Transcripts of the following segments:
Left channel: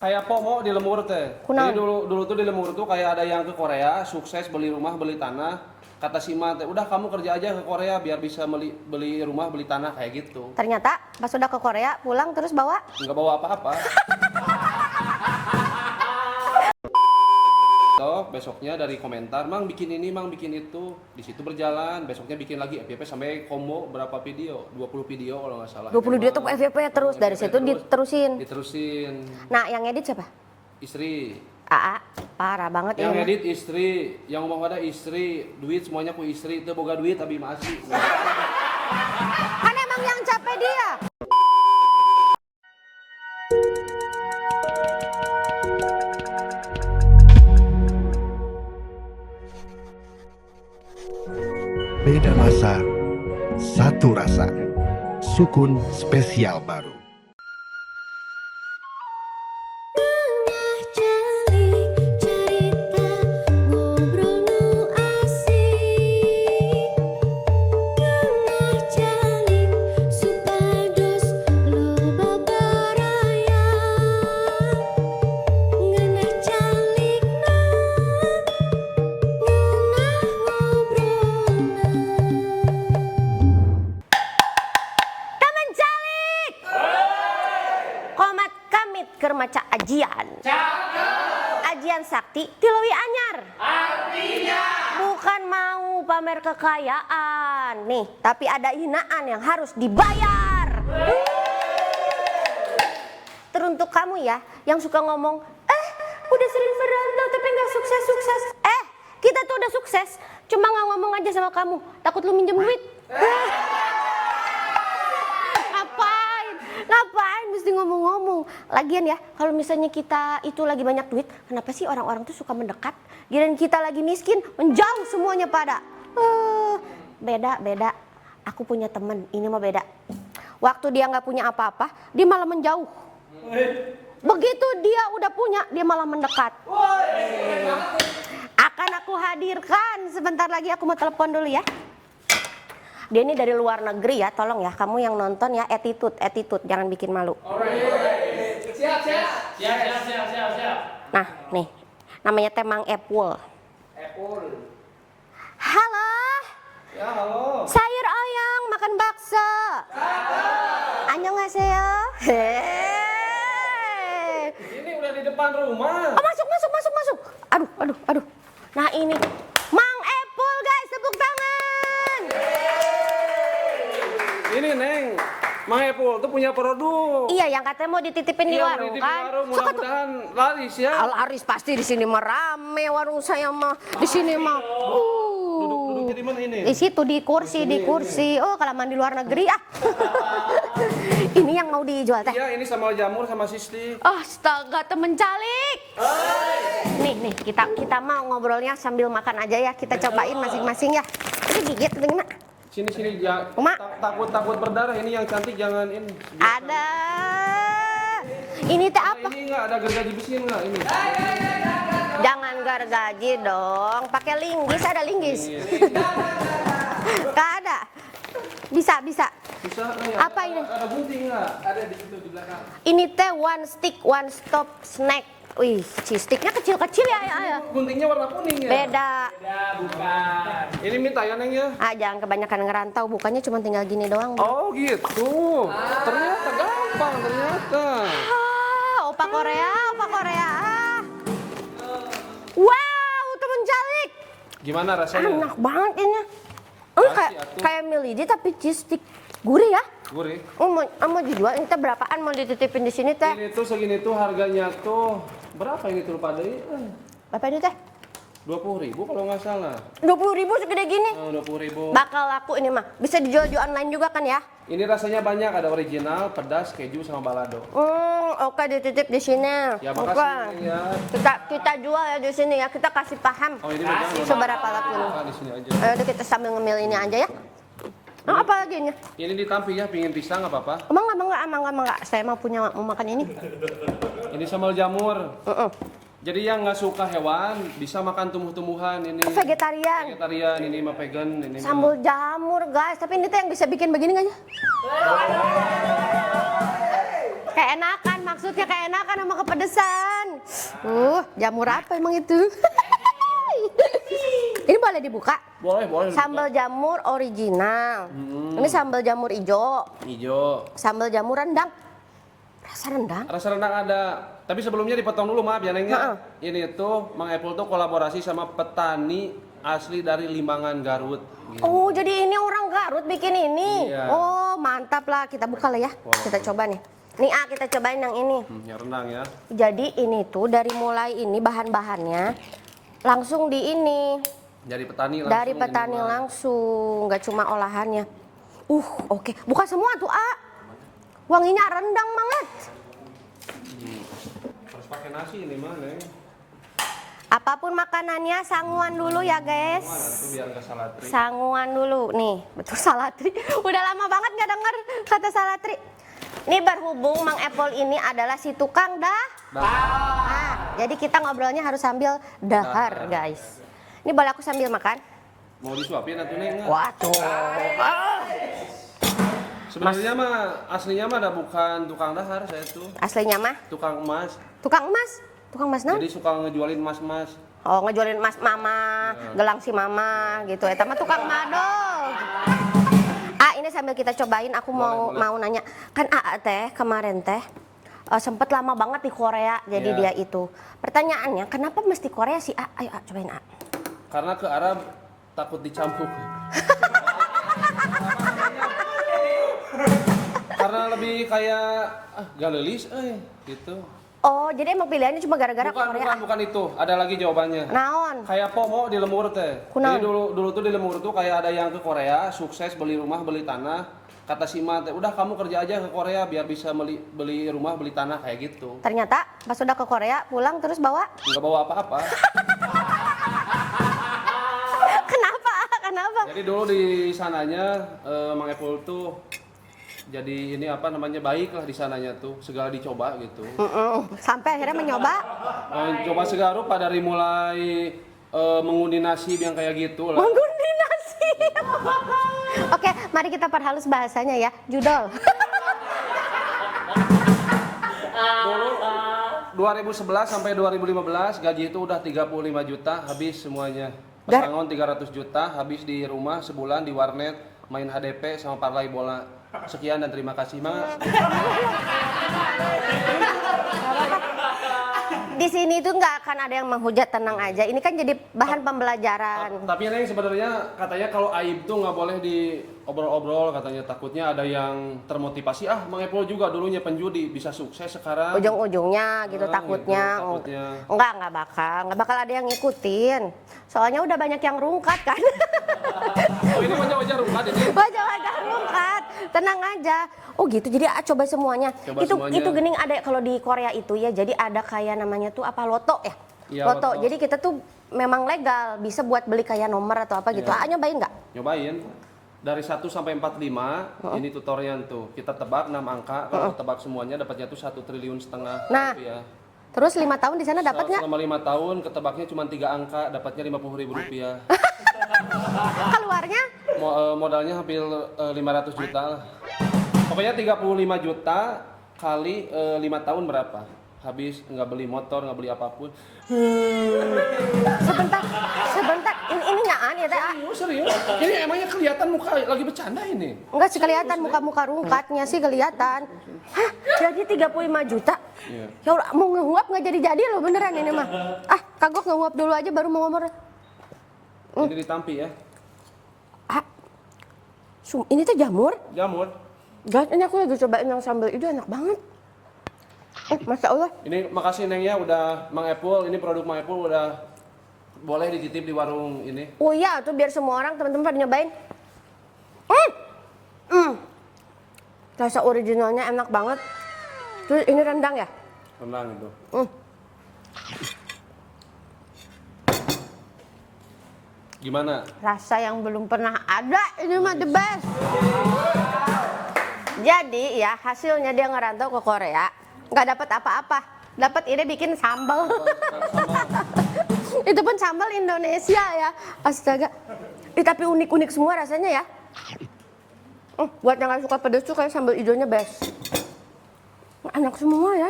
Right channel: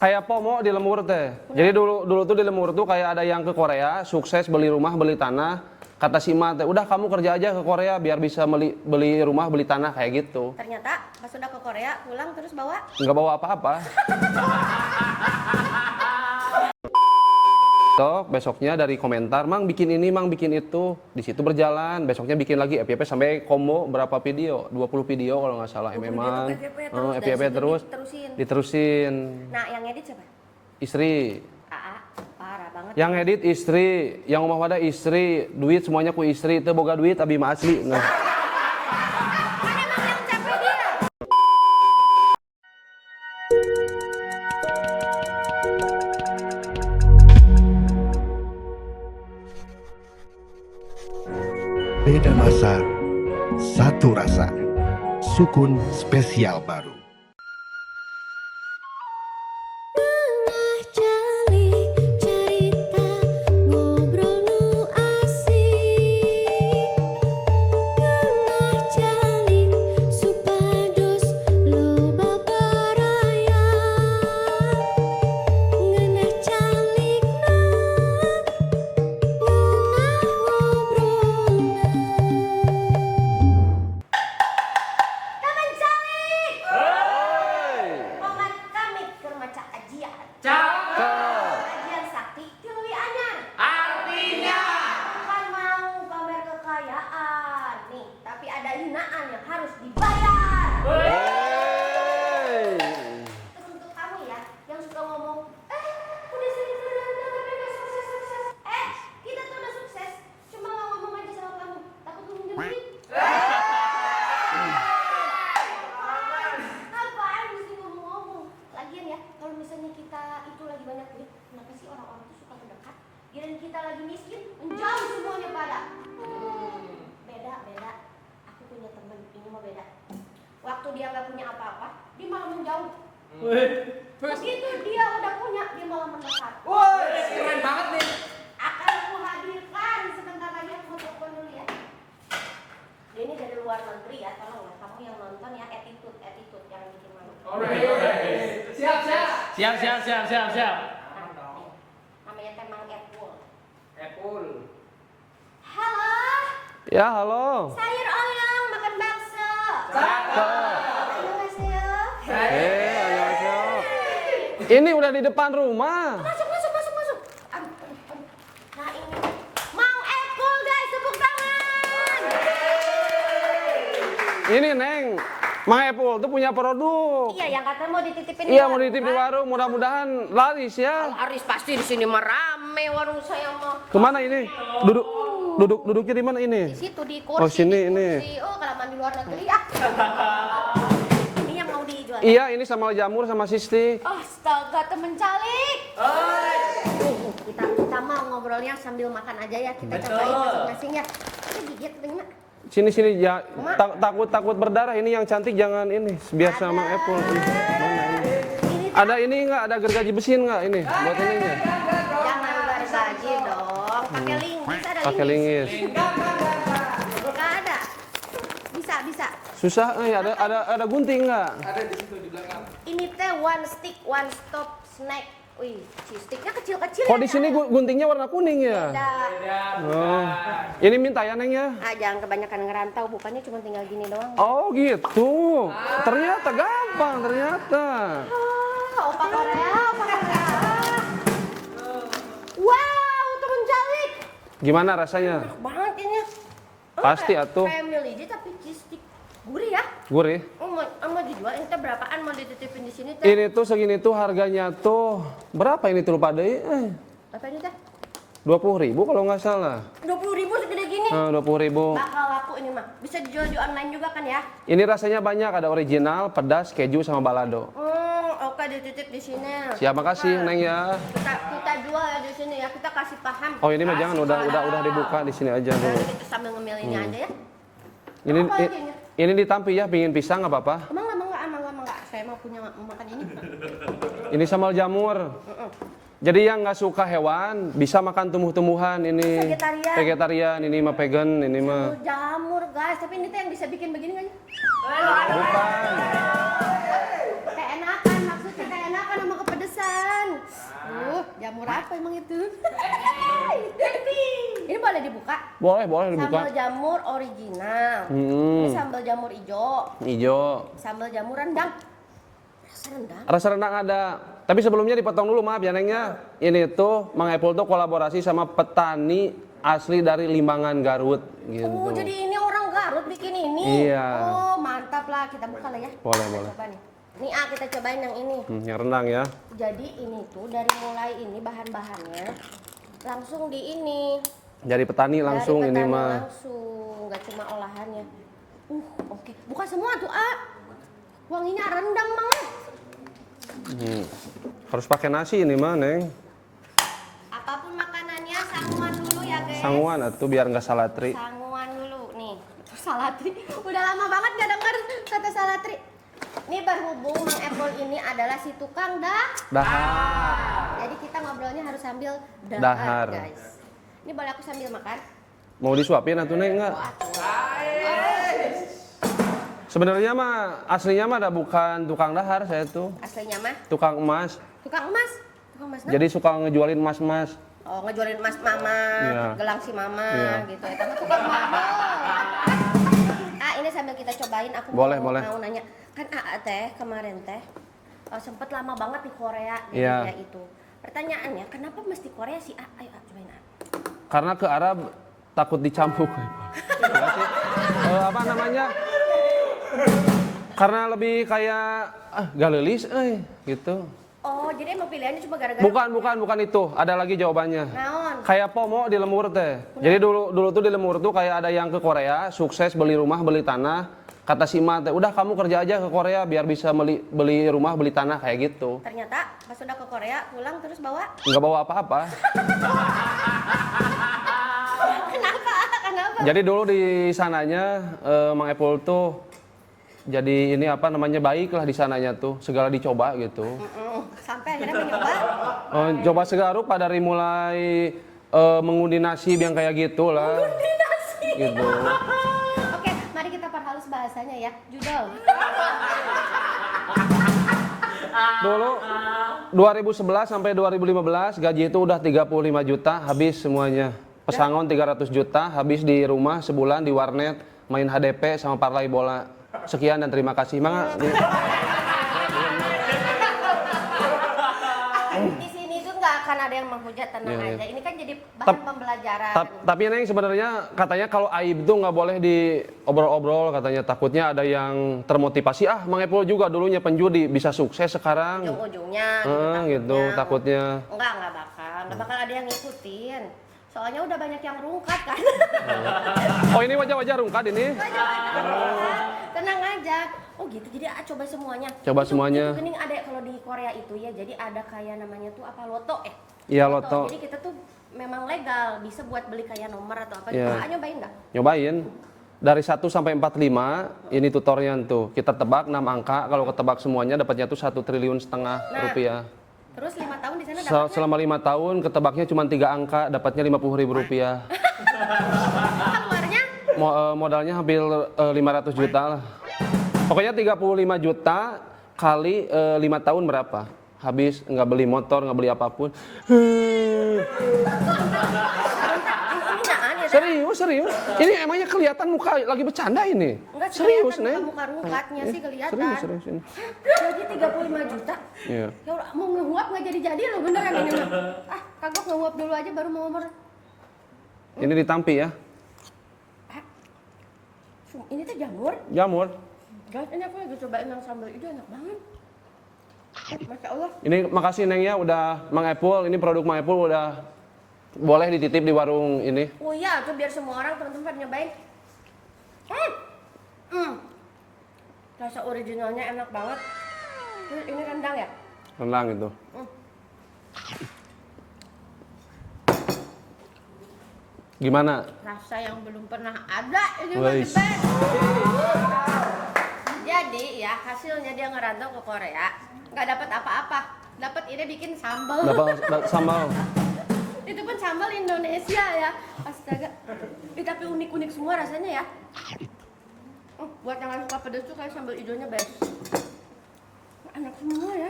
Kayak pomo di Lemur teh. Jadi dulu tuh di Lemur tuh kayak ada yang ke Korea, sukses beli rumah, beli tanah. Kata si Ma teh, udah kamu kerja aja ke Korea biar bisa beli rumah, beli tanah kayak gitu. Ternyata pas udah ke Korea pulang terus bawa Nggak bawa apa-apa. Besoknya dari komentar, Mang bikin ini, Mang bikin itu. Di situ berjalan, besoknya bikin lagi FYP sampai combo berapa video? 20 video kalau nggak salah. 20 dia tuh FYP terus dari FYP situ terus, diterusin. Nah, yang edit siapa? Istri. Aa, parah banget Yang ya. edit istri, yang ngomong pada istri, duit semuanya ku istri, itu boga duit abi mah asli. Nah. Kan emang yang capek dia. Beda masa, satu rasa. Sukun spesial baru. Maca ajian. Ajian sakti tilewi anyar. Artinya bukan mau pamer kekayaan nih, tapi ada hinaan yang harus dibayar. Teruntuk kamu ya yang suka ngomong, udah sering berandal tapi nggak sukses-sukses. Kita tuh udah sukses, cuma nggak ngomong aja sama kamu, takut lu minjem duit. Ngapain mesti ngomong-ngomong? Lagian ya, kalau misalnya kita itu lagi banyak duit, kenapa sih orang-orang tuh suka mendekat? Giliran kita lagi miskin, menjauh semuanya pada. Beda. Aku punya temen, ini mah beda. Waktu dia nggak punya apa-apa, dia malah menjauh. Begitu dia udah punya, dia malah mendekat. Akan aku hadirkan sebentar lagi, aku mau telepon dulu ya. Dia ini dari luar negeri ya, tolong ya kamu yang nonton ya, attitude, jangan bikin malu. Siap. Nah, nih, namanya Temang Epul. Halo, Ya, halo. sayur oyong makan bakso. Annyeonghaseyo. Ini udah di depan rumah. Oh, masuk. Aduh. Nah ini, Mang Epul guys, tepuk tangan. Ini Neng, Mang Epul tuh punya produk. Iya, yang katanya mau dititipin di Iya, warung mau dititipin kan? warung, mudah-mudahan laris ya. Laris pasti di sini mah rame warung saya mah. Di Kemana sini ini? mah. Duduk di mana ini? Di situ di kursi, sini, di kursi. Oh, kelamaan di luar negeri ah. Ini yang mau dijual. Iya, ini sama jamur sama sistik. Astaga, temen calik. Nih, kita mau ngobrolnya sambil makan aja ya. Kita cobain masing-masing ya. Ini gigit gimana? Sini ya. Oma. Takut berdarah, ini yang cantik jangan ini. Biar sama Apple. Ini teh Ada apa? ini enggak? Ada gergaji besi enggak ini? Buat ininya. Jangan gergaji dong. Pakai linggis, ada Pakai linggis. linggis. Gak ada. Bisa. Susah nih, Apa ada gunting enggak? Ini teh one stick, one stop snack. Wih, sticknya kecil-kecil ya. Kok di sini guntingnya warna kuning ya? Beda. Ini minta ya Neng ya? Jangan kebanyakan ngerantau, bukannya cuma tinggal gini doang. Oh gitu. Ternyata gampang ternyata. Opa Korea. Wow, temen jalik. Gimana rasanya? Enak banget kayaknya. Pasti atuh. Kayak milidi tapi cheese stick. Gurih ya. Gurih. Mau dijual, ini teh berapaan mau dititipin di sini teh? Ini tuh segini tuh harganya tuh berapa ini tuh lupa deh? Berapa ini teh? 20.000 kalau nggak salah. 20.000 segede gini. 20.000. Bakal laku ini mah. Bisa dijual di online juga kan ya? Ini rasanya banyak, ada original, pedas, keju sama balado. Oke dititip di sini. Siapa Oke. kasih Neng ya? Kita jual ya di sini ya. Kita kasih paham. Oh ini mah jangan, udah dibuka di sini aja. Udah kita sambil ngemil ini aja ya. Apa lagi ini? Ini ditampi ya, pingin pisang nggak apa-apa. Emang enggak. Saya mau makan ini. Ini sambal jamur. Jadi yang nggak suka hewan bisa makan tumbuh-tumbuhan ini. Vegetarian. Vegetarian, ini mah vegan, ini Sambal mah. jamur guys, tapi ini tuh yang bisa bikin begini nggak ya? Kayak enakan maksudnya. maksudnya keenakan sama kepedesan. Jamur apa emang itu? Ini boleh dibuka? Boleh dibuka. Sambal jamur original. Ini sambal jamur hijau. Hijau. Sambal jamur rendang. Rasa rendang? Rasa rendang ada. Tapi sebelumnya dipotong dulu, maaf ya Nengnya. Ini tuh Mang Epul tuh kolaborasi sama petani asli dari Limbangan, Garut. Gitu. Oh, jadi ini orang Garut bikin ini? Iya. Oh, mantap lah. Kita buka lah ya. Boleh, Kita coba nih. Nih, kita cobain yang ini. Yang rendang ya. Jadi ini tuh dari mulai ini bahan-bahannya langsung di ini. Dari petani langsung Dari petani ini mah. langsung, nggak cuma olahannya. Oke. Buka semua tuh, wanginya rendang banget. Harus pakai nasi ini mah, Neng. Apapun makanannya, sanguan dulu ya guys. Sanguan atuh biar nggak salatri. Sanguan dulu, nih betul salatri. Udah lama banget nggak denger kata salatri. Ini berhubung Mang Epul ini adalah si tukang dahar. Jadi kita ngobrolnya harus sambil dahar, guys. Ini boleh aku sambil makan? Mau disuapin atuh Neng nggak? Waduh. Sebenarnya mah aslinya mah ada bukan tukang dahar saya tuh. Aslinya mah? Tukang emas. Tukang emas? Tukang emas no? Jadi suka ngejualin emas-emas. Oh, ngejualin emas mama, Iya. gelang si mama, gitu. Eta mah tukang madol. Ini sambil kita cobain, aku Boleh. mau nanya. Kan teh kemarin teh sempet lama banget di Korea, jadi Iya. dia itu. Pertanyaannya, kenapa mesti Korea sih? Ayo cobain Karena ke Arab takut dicambuk. Apa namanya? Karena lebih kayak galelis, gitu. Oh, jadi emang pilihannya cuma gara-gara Korea? Bukan itu. Ada lagi jawabannya. Naon? Kayak pomo di Lemur teh. Kunaon? Jadi dulu tuh di Lemur tuh kayak ada yang ke Korea, sukses beli rumah, beli tanah. Kata si Ma teh, udah kamu kerja aja ke Korea biar bisa beli rumah, beli tanah kayak gitu. Ternyata pas udah ke Korea, pulang terus bawa? Nggak bawa apa-apa. Kenapa? Jadi dulu di sananya Mang Epul tuh jadi ini apa namanya baik lah di sananya tuh, segala dicoba gitu. Sampai akhirnya mencoba? Coba segala rupa dari mulai mengundi nasib yang kayak gitu lah. Mengundi nasib? Gitu. Oke, mari kita perhalus bahasanya ya, judol. Dulu 2011 sampai 2015 gaji itu udah 35 juta habis semuanya. Pesangon 300 juta habis di rumah sebulan di warnet main HDP sama parlay bola. Sekian dan terima kasih. Di sini tuh nggak akan ada yang menghujat, tenang aja. Ini kan jadi bahan pembelajaran. Tapi Neng sebenarnya katanya kalau aib tuh nggak boleh diobrol-obrol, katanya takutnya ada yang termotivasi. Mang Epul juga dulunya penjudi bisa sukses sekarang. Ujung-ujungnya gitu takutnya. Nggak bakal ada yang ngikutin. Soalnya udah banyak yang rungkat kan. Oh ini wajah-wajah rungkat ini? Wajah-wajah rungkat, tenang aja. Oh gitu, jadi coba semuanya. Itu gening ada kalau di Korea itu ya, jadi ada kayak namanya tuh apa, loto ya? Iya, loto. Jadi kita tuh memang legal, bisa buat beli kayak nomor atau apa gitu. Nyobain nggak? Nyobain. Dari 1 sampai 45, ini tutorial tuh. Kita tebak 6 angka, kalau ketebak semuanya dapatnya tuh 1,5 triliun rupiah. Terus 5 tahun di sana dapatnya? Selama 5 tahun ketebaknya cuma 3 angka, dapatnya 50.000 rupiah. Keluarnya? Modalnya hampir 500 juta lah. Pokoknya 35 juta kali 5 tahun berapa? Habis nggak beli motor, nggak beli apapun. Sebentar. Ini naan ya? Serius. Ini emangnya kelihatan muka lagi bercanda ini. Enggak sih kelihatan Neng. muka-muka rungkatnya sih kelihatan. Serius. Hah? Gaji 35 juta? Iya. Ya udah, mau nguap nggak jadi lo beneran ini mah. Kagok nguap dulu aja baru mau ngomong. Ini ditampi ya. Ini tuh jamur. Jamur. Guys, ini aku lagi cobain yang sambal itu enak banget. Masya Allah. Ini makasih Neng ya udah Mang Epul, ini produk Mang Epul udah boleh dititip di warung ini. Oh iya, tuh biar semua orang teman-teman pada nyobain. Rasa originalnya enak banget. Terus ini rendang ya? Rendang itu. Gimana? Rasa yang belum pernah ada, ini mah the best. Jadi ya hasilnya dia ngerantau ke Korea, nggak dapat apa-apa. Dapat ini bikin sambal. Dapat sambal. Itu pun sambal Indonesia ya. Astaga. Tapi unik-unik semua rasanya ya. Buat yang nggak suka pedas tuh kayak sambal hijaunya best. Enak semua ya.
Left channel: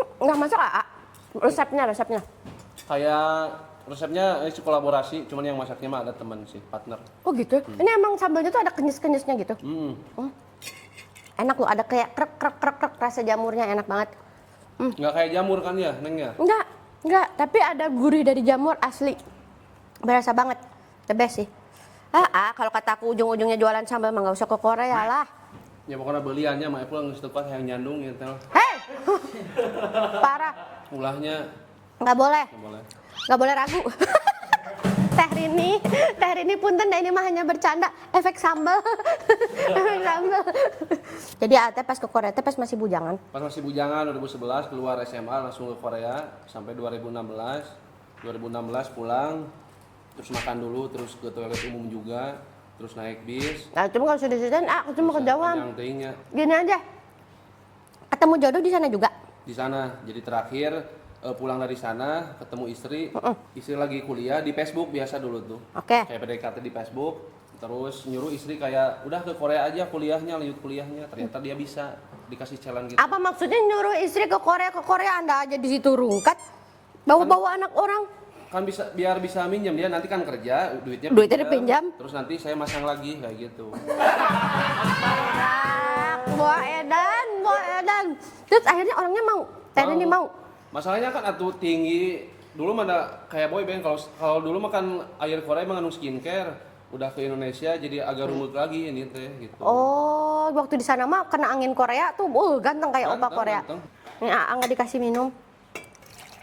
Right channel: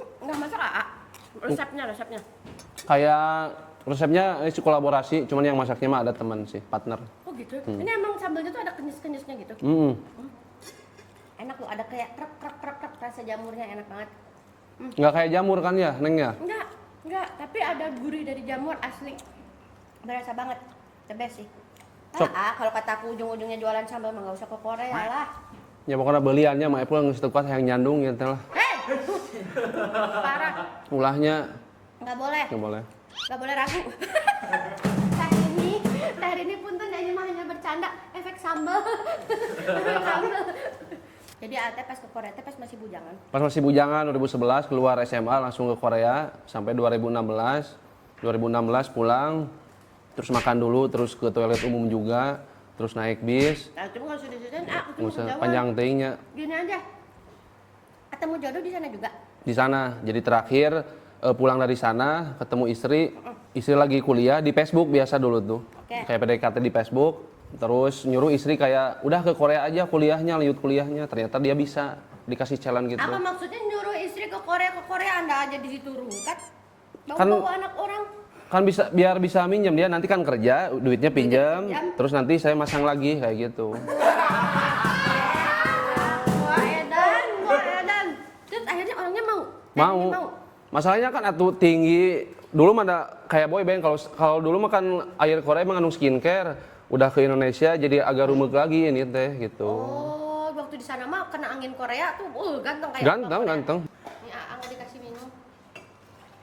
Nggak masak Aa. Resepnya. Kayak resepnya kolaborasi, cuman yang masaknya mah ada teman sih, partner. Oh gitu? Ini emang sambalnya tuh ada kenyis-kenyisnya gitu? Enak loh, ada kayak krek rasa jamurnya enak banget. Nggak kayak jamur kan ya, Neng ya? Enggak, tapi ada gurih dari jamur asli. Berasa banget, the best sih. Kalau kata aku ujung-ujungnya jualan sambal mah nggak usah ke Korea lah. Ya pokoknya beliannya mah Apple nggak setukat yang nyandung gitu lah. Hei! Parah, Ulahnya nggak boleh. nggak boleh. Ragu. Teh ini punten ini mah hanya bercanda, efek sambal. Efek sambal. Jadi Ate pas ke Korea teh pas masih bujangan. Pas masih bujangan 2011 keluar SMA langsung ke Korea sampai 2016. 2016 pulang terus makan dulu terus ke toilet umum juga terus naik bis. Nah, cuma kalau sudah ceritain, aku cuma kejauhan. Panjang teuingnya. Gini aja. Ketemu jodoh di sana juga. Di sana. Jadi terakhir pulang dari sana ketemu istri. Istri lagi kuliah di Facebook biasa dulu tuh. Oke. Kayak PDKT di Facebook. Terus nyuruh istri kayak udah ke Korea aja kuliahnya, lanjut kuliahnya. Ternyata dia bisa dikasih challenge gitu. Apa maksudnya nyuruh istri ke Korea Anda aja di situ rungkat? Bawa anak orang. Kan bisa biar bisa minjem dia nanti kan kerja duitnya pinjam. Terus nanti saya masang lagi kayak gitu. Wah edan. Terus akhirnya orangnya mau. Ini mau. Masalahnya kan atuh tinggi. Dulu mana kayak boy band kalau dulu makan air Korea mengandung skincare. Udah ke Indonesia jadi agak rumit lagi ini teh gitu. Oh, waktu di sana mah kena angin Korea tuh, ganteng kayak apa Korea. Ganteng. Ini nggak dikasih minum.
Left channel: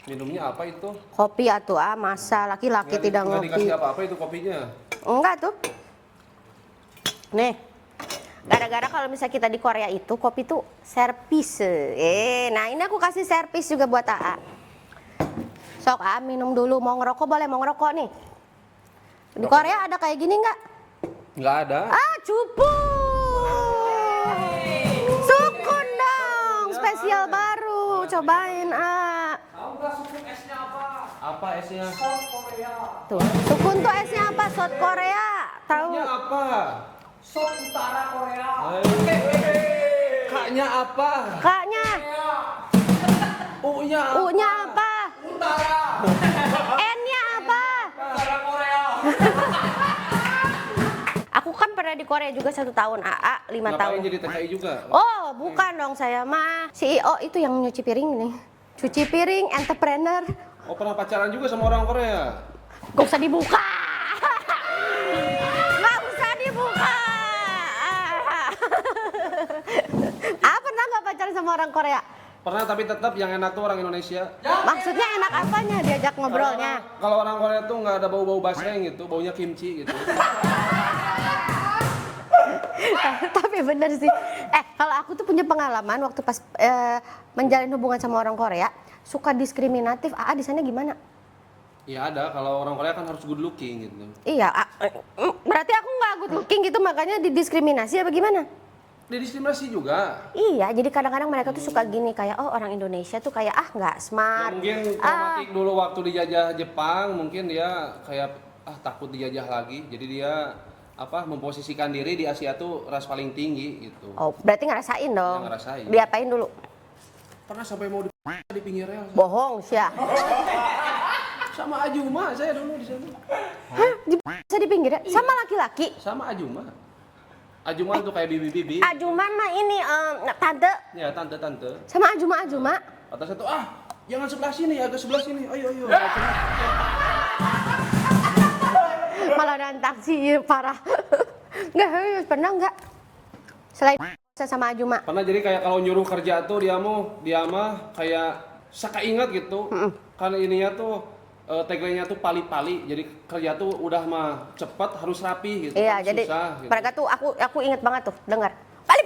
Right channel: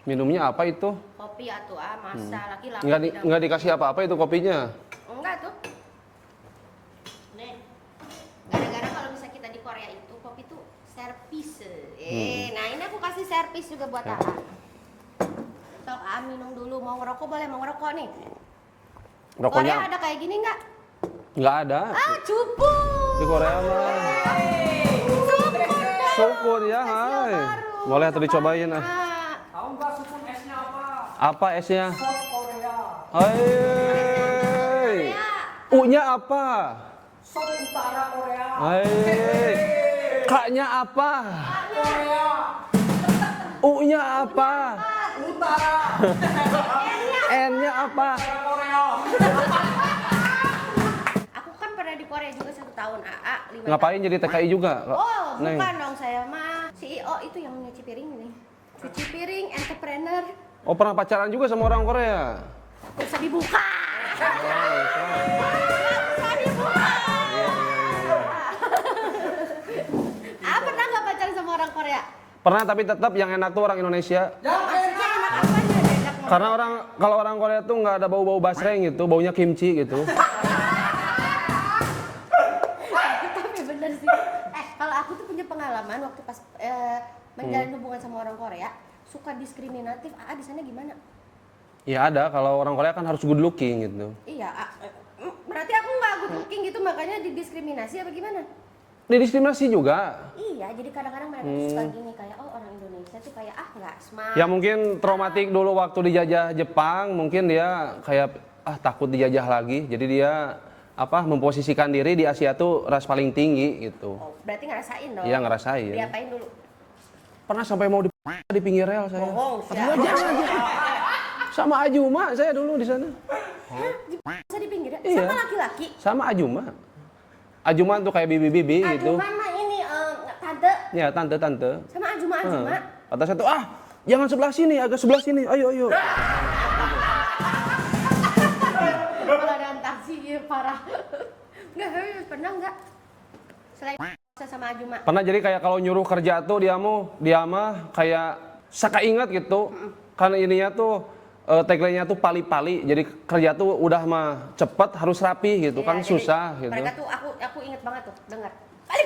Minumnya apa itu? Kopi atuh masa laki-laki tidak nggak ngopi. dikasih apa-apa itu kopinya? Enggak tuh. Nih. Gara-gara kalau misalnya kita di Korea itu kopi tuh servis. Nah ini aku kasih servis juga buat Aa. Sok minum dulu. Mau ngerokok boleh, mau ngerokok nih. Di Rokoknya Korea ada kayak gini nggak? Nggak ada. Cupu. Di Korea mah. Sukun dong. Sukun ya. Spesial hai. baru. Boleh tuh dicobain. Tahu nggak sukun esnya apa? Apa esnya? Sop Korea. Tuh. Sukun tuh esnya apa? Sot Korea. U-nya apa? Sop Utara Korea. K-nya apa? Kaknya. U-nya apa? U-nya apa? Utara. N-nya apa? N-nya apa? Utara Korea. Aku kan pernah di Korea juga 1 tahun, 5 tahun. Ngapain jadi TKI juga? Oh, Neng. bukan dong saya mah CEO itu yang nyuci piring nih. Cuci piring, entrepreneur. Oh pernah pacaran juga sama orang Korea? Gak usah dibuka. Gak usah dibuka. Pernah gak pacaran sama orang Korea? Pernah tapi tetap yang enak tuh orang Indonesia. Maksudnya enak apanya diajak Karena ngobrolnya? kalau orang Korea tuh nggak ada bau-bau basreng gitu, baunya kimchi gitu. Tapi bener sih. Kalau aku tuh punya pengalaman waktu pas menjalin hubungan sama orang Korea, suka diskriminatif. Di sana gimana? Ya ada, kalau orang Korea kan harus good looking gitu. Iya, berarti aku nggak good looking gitu makanya didiskriminasi apa gimana? Didiskriminasi juga. Iya, jadi kadang-kadang mereka tuh suka gini kayak orang Indonesia tuh kayak nggak smart. Ya mungkin traumatik dulu waktu dijajah Jepang, mungkin dia kayak takut dijajah lagi. Jadi dia memposisikan diri di Asia tuh ras paling tinggi gitu. Oh, berarti ngerasain dong? Iya, ngerasain. Diapain dulu? Pernah sampai mau di pinggir rel saya. Bohong, siapa? Sama Ajuma saya dulu di sana. Hah? Bisa di pinggir ya? Iya. Sama laki-laki? Sama Ajuma. Ajuma tuh kayak bibi-bibi gitu. Ajuman mah ini tante. Ya, tante-tante. Sama Ajuma. Kata saya tuh, jangan sebelah sini, agak sebelah sini. Ayo. Malah ada taksi parah. Enggak, pernah enggak? Selain sama Ajuma. Pernah jadi kayak kalau nyuruh kerja tuh dia mah kayak saka inget gitu. Karena ininya tuh tagline-nya tuh pali-pali. Jadi kerja tuh udah mah cepet harus rapi gitu Iya, kan jadi susah gitu. mereka tuh aku inget banget tuh dengar pali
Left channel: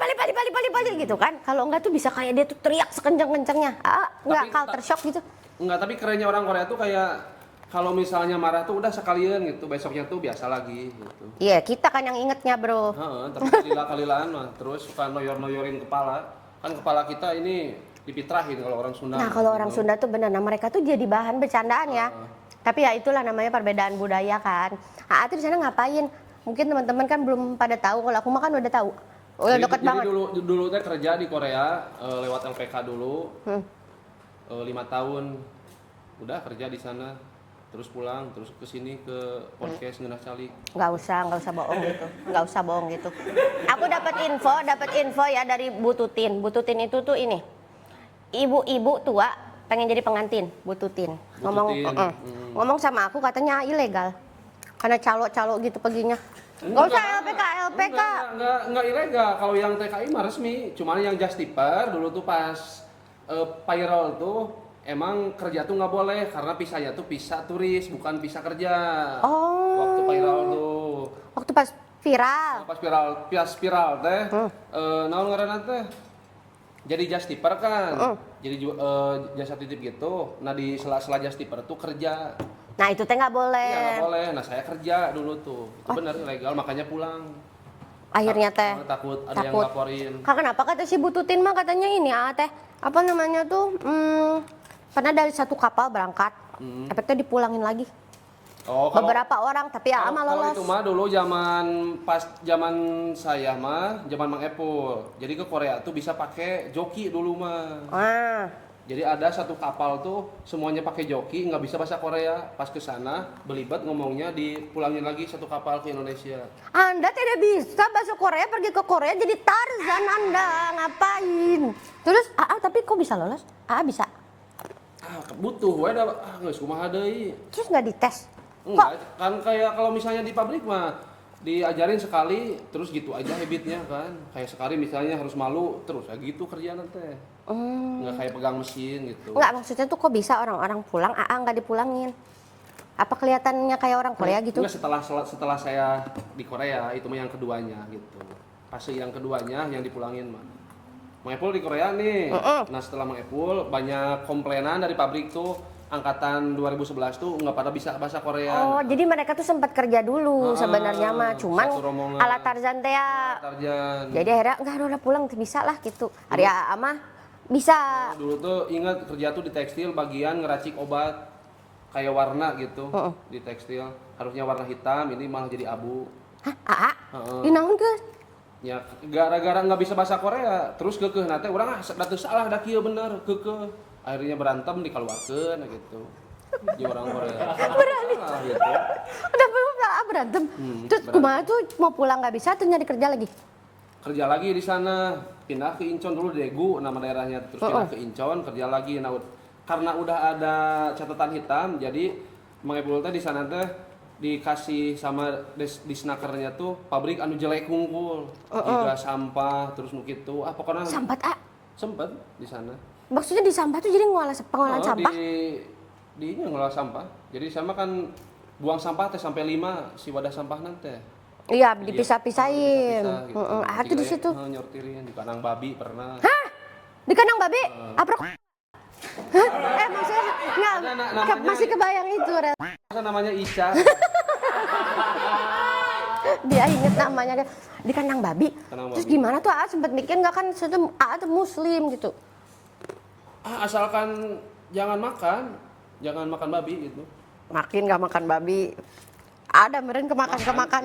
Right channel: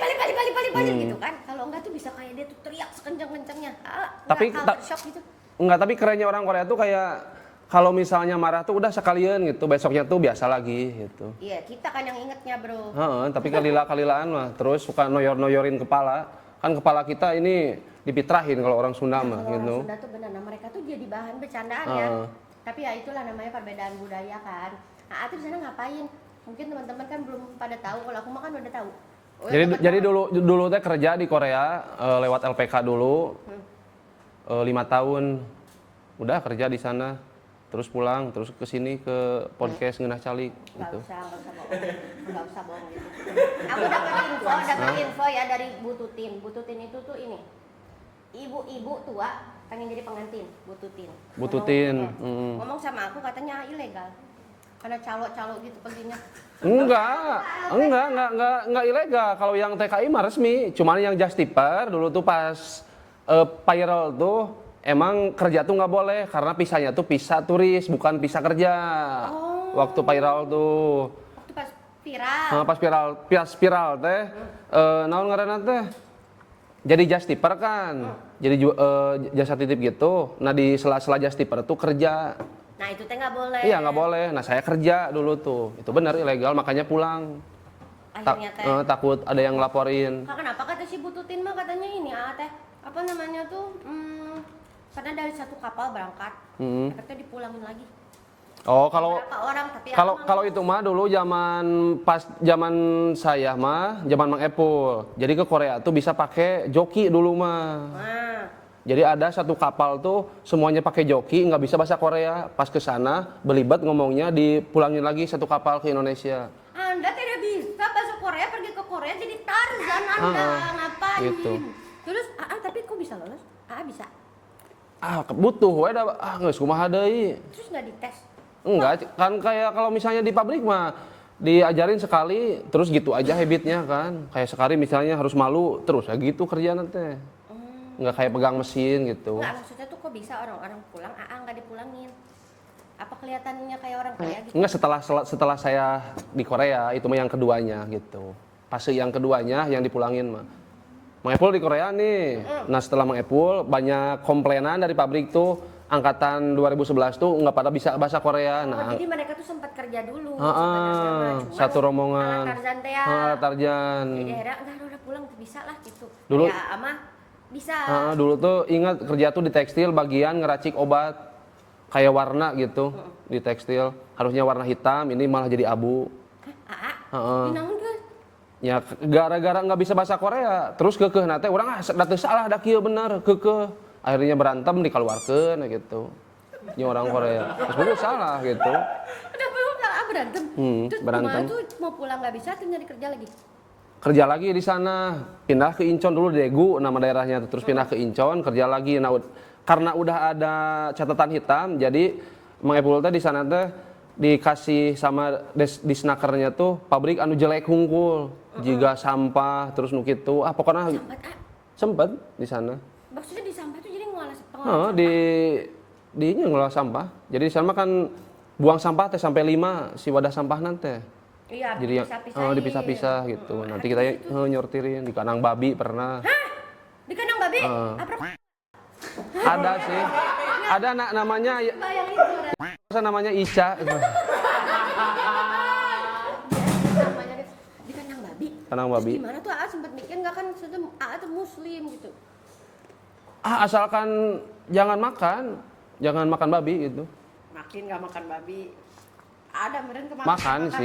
gitu kan. Kalau enggak tuh bisa kayak dia tuh teriak sekencang-kencangnya. Tapi enggak culture shock gitu. Enggak, tapi kerennya orang Korea tuh kayak kalau misalnya marah tuh udah sekalian gitu, besoknya tuh biasa lagi gitu. Iya, kita kan yang ingetnya, Bro. Tapi kalilaan mah terus suka noyorin kepala. Kan kepala kita ini dipitrahin kalau orang Sunda. Nah, kalau orang Sunda tuh benar, mereka tuh jadi bahan bercandaan ya. Tapi ya itulah namanya perbedaan budaya kan. Ati di sana ngapain? Mungkin teman-teman kan belum pada tahu, kalau aku mah kan udah tahu. Jadi dulu teh kerja di Korea lewat LPK dulu. 5 tahun udah kerja di sana, terus pulang, terus ke sini ke podcast Ngeunah Calik. Nggak usah bohong gitu. Nggak usah bohong gitu. Aku dapat info ya dari Bu Tutin. Bu Tutin itu tuh ini, ibu-ibu tua pengen jadi pengantin, Bu Tutin. Bu Tutin, Ngomong sama aku katanya ilegal. Karena calo-calo gitu perginya. Enggak, LPK. enggak ilegal. Kalau yang TKI mah resmi, cuman yang Justiper dulu tuh pas payroll tuh emang kerja tuh nggak boleh karena pisahnya tuh pisah turis bukan pisah kerja. Oh. Waktu payroll tuh. Waktu pas viral. Pas spiral teh, naon ngaranna teh? Jadi Justiper kan, jadi jasa titip gitu. Nah di sela-sela Justiper tuh kerja. Nah itu teh nggak boleh. Iya nggak boleh. Nah saya kerja dulu tuh, itu benar ilegal makanya pulang. Akhirnya teh. Takut ada yang ngelaporin. Kenapa kata si Bu Tutin mah katanya ini teh apa namanya tuh? Karena dari satu kapal berangkat, efeknya dipulangin lagi. Oh, kalau beberapa orang tapi kalau itu mah dulu zaman saya mah zaman Mang Epul. Jadi ke Korea tuh bisa pakai joki dulu mah. Jadi ada satu kapal tuh semuanya pakai joki, nggak bisa bahasa Korea. Pas ke sana belibet ngomongnya dipulangin lagi satu kapal ke Indonesia. Anda tidak bisa bahasa Korea, pergi ke Korea jadi Tarzan Anda ngapain? Gitu. Terus tapi kok bisa lolos? Bisa. Butuh we da geus kumaha deui. Terus nggak dites? Enggak, kan kayak kalau misalnya di pabrik mah diajarin sekali terus gitu aja habitnya kan. Kayak sekali misalnya harus malu terus gitu kerjaan teh. Enggak kayak pegang mesin gitu. Enggak, maksudnya tuh kok bisa orang-orang pulang nggak dipulangin? Apa kelihatannya kayak orang Korea gitu? Enggak, setelah saya di Korea itu mah yang keduanya gitu. Fase yang keduanya yang dipulangin mah. Mang Epul di Korea nih. Nah setelah Mang Epul banyak komplainan dari pabrik tuh angkatan 2011 tuh nggak pada bisa bahasa Korea. Oh, jadi mereka tuh sempat kerja dulu sebenarnya mah, cuma satu rombongan. ala Tarzan teh ya. Tarzan. Jadi akhirnya enggak udah pulang bisa lah gitu. Ada mah bisa. Dulu tuh ingat kerja tuh di tekstil bagian ngeracik obat kayak warna gitu di tekstil. Harusnya warna hitam, ini malah jadi abu. Hah? Dinaon geus? Ya gara-gara nggak bisa bahasa Korea, terus kekeh nate urang datu salah da kieu bener kekeh. Akhirnya berantem dikeluarkeun gitu. Ini orang Korea. Udah salah gitu. Udah berantem. Terus kumaha tuh mau pulang nggak bisa tuh nyari kerja lagi? Kerja lagi di sana, pindah ke Incheon dulu Daegu nama daerahnya, terus pindah ke Incheon kerja lagi. Nah, karena udah ada catatan hitam, jadi Mang Epul teh di sana teh dikasih sama disnakernya tuh pabrik anu jelek hungkul, juga sampah terus nu kitu. Pokoknya sempet di sana. Maksudnya di sampah tuh jadi pengolahan sampah? Di ngolah sampah. Jadi di sana kan buang sampah teh sampai 5 si wadah sampah nanti. Iya, dipisah-pisahin. Dipisah-pisah gitu. Nanti kita nyortirin di kandang babi pernah. Hah? Di kandang babi? Ada sih. Ada namanya. Masih kebayang itu. Namanya Ica. Dia inget namanya di kandang babi. Terus gimana tuh sempat mikir nggak kan tuh muslim gitu? Asalkan jangan makan babi gitu. Makin nggak makan babi. Ada meren kemakan mah. Makan.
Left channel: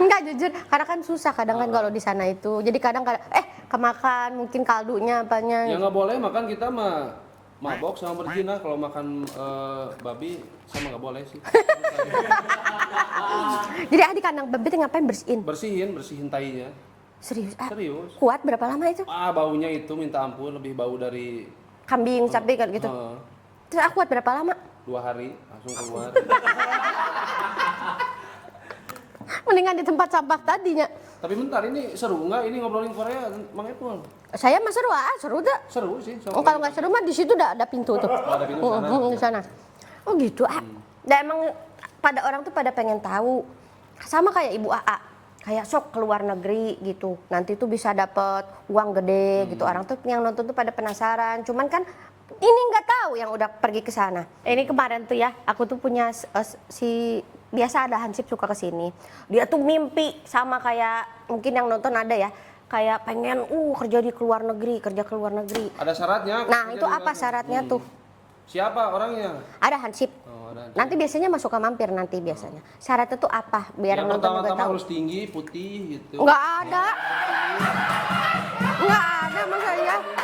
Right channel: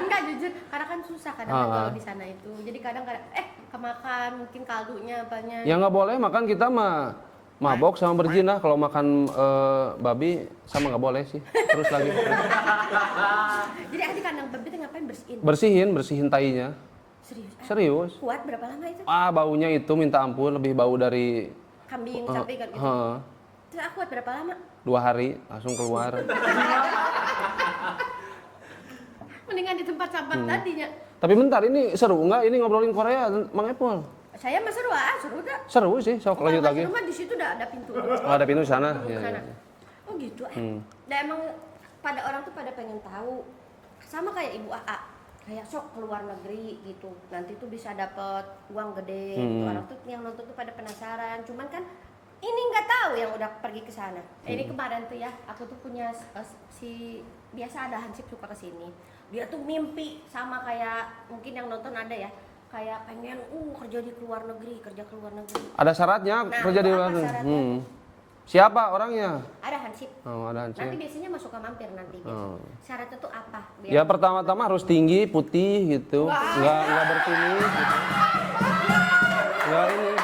Enggak jujur, karena kan susah kadang kan kalau di sana itu. Jadi kadang kemakan mungkin kaldunya apanya. Ya nggak boleh makan kita mah mabok sama berzina. Kalau makan babi sama nggak boleh sih. Terus lagi. Jadi di kandang babi itu ngapain Bersihin tainya. Serius? Kuat berapa lama itu? Baunya itu minta ampun, lebih bau dari kambing, sapi kan gitu. Terus kuat berapa lama? 2 hari langsung keluar. Mendingan di tempat sampah tadinya. Tapi bentar, ini seru nggak? Ini ngobrolin Korea, Mang Epul? Saya mah seru, seru dah. Seru sih, kalau nggak seru mah di situ udah ada pintu tuh. Ada pintu sana. Sana. Oh gitu Dan emang pada orang tuh pada pengen tahu. Sama kayak Ibu AA. Kayak sok keluar negeri gitu. Nanti tuh bisa dapat uang gede gitu. Orang tuh yang nonton tuh pada penasaran. Cuman kan ini nggak tahu yang udah pergi ke sana. Ini kemarin tuh ya, aku tuh punya biasa ada Hansip suka ke sini. Dia tuh mimpi sama kayak mungkin yang nonton ada ya, kayak pengen kerja di keluar negeri, kerja ke luar negeri. Ada syaratnya kerja di luar negeri. Nah, itu apa syaratnya tuh? Siapa orangnya? Ada Hansip. Ada Hansip. Nanti biasanya masuk ke mampir nanti biasanya. Syaratnya tuh apa? Biar ya pertama-tama harus tinggi, putih gitu. Nggak berkumis. Nggak ada masalahnya.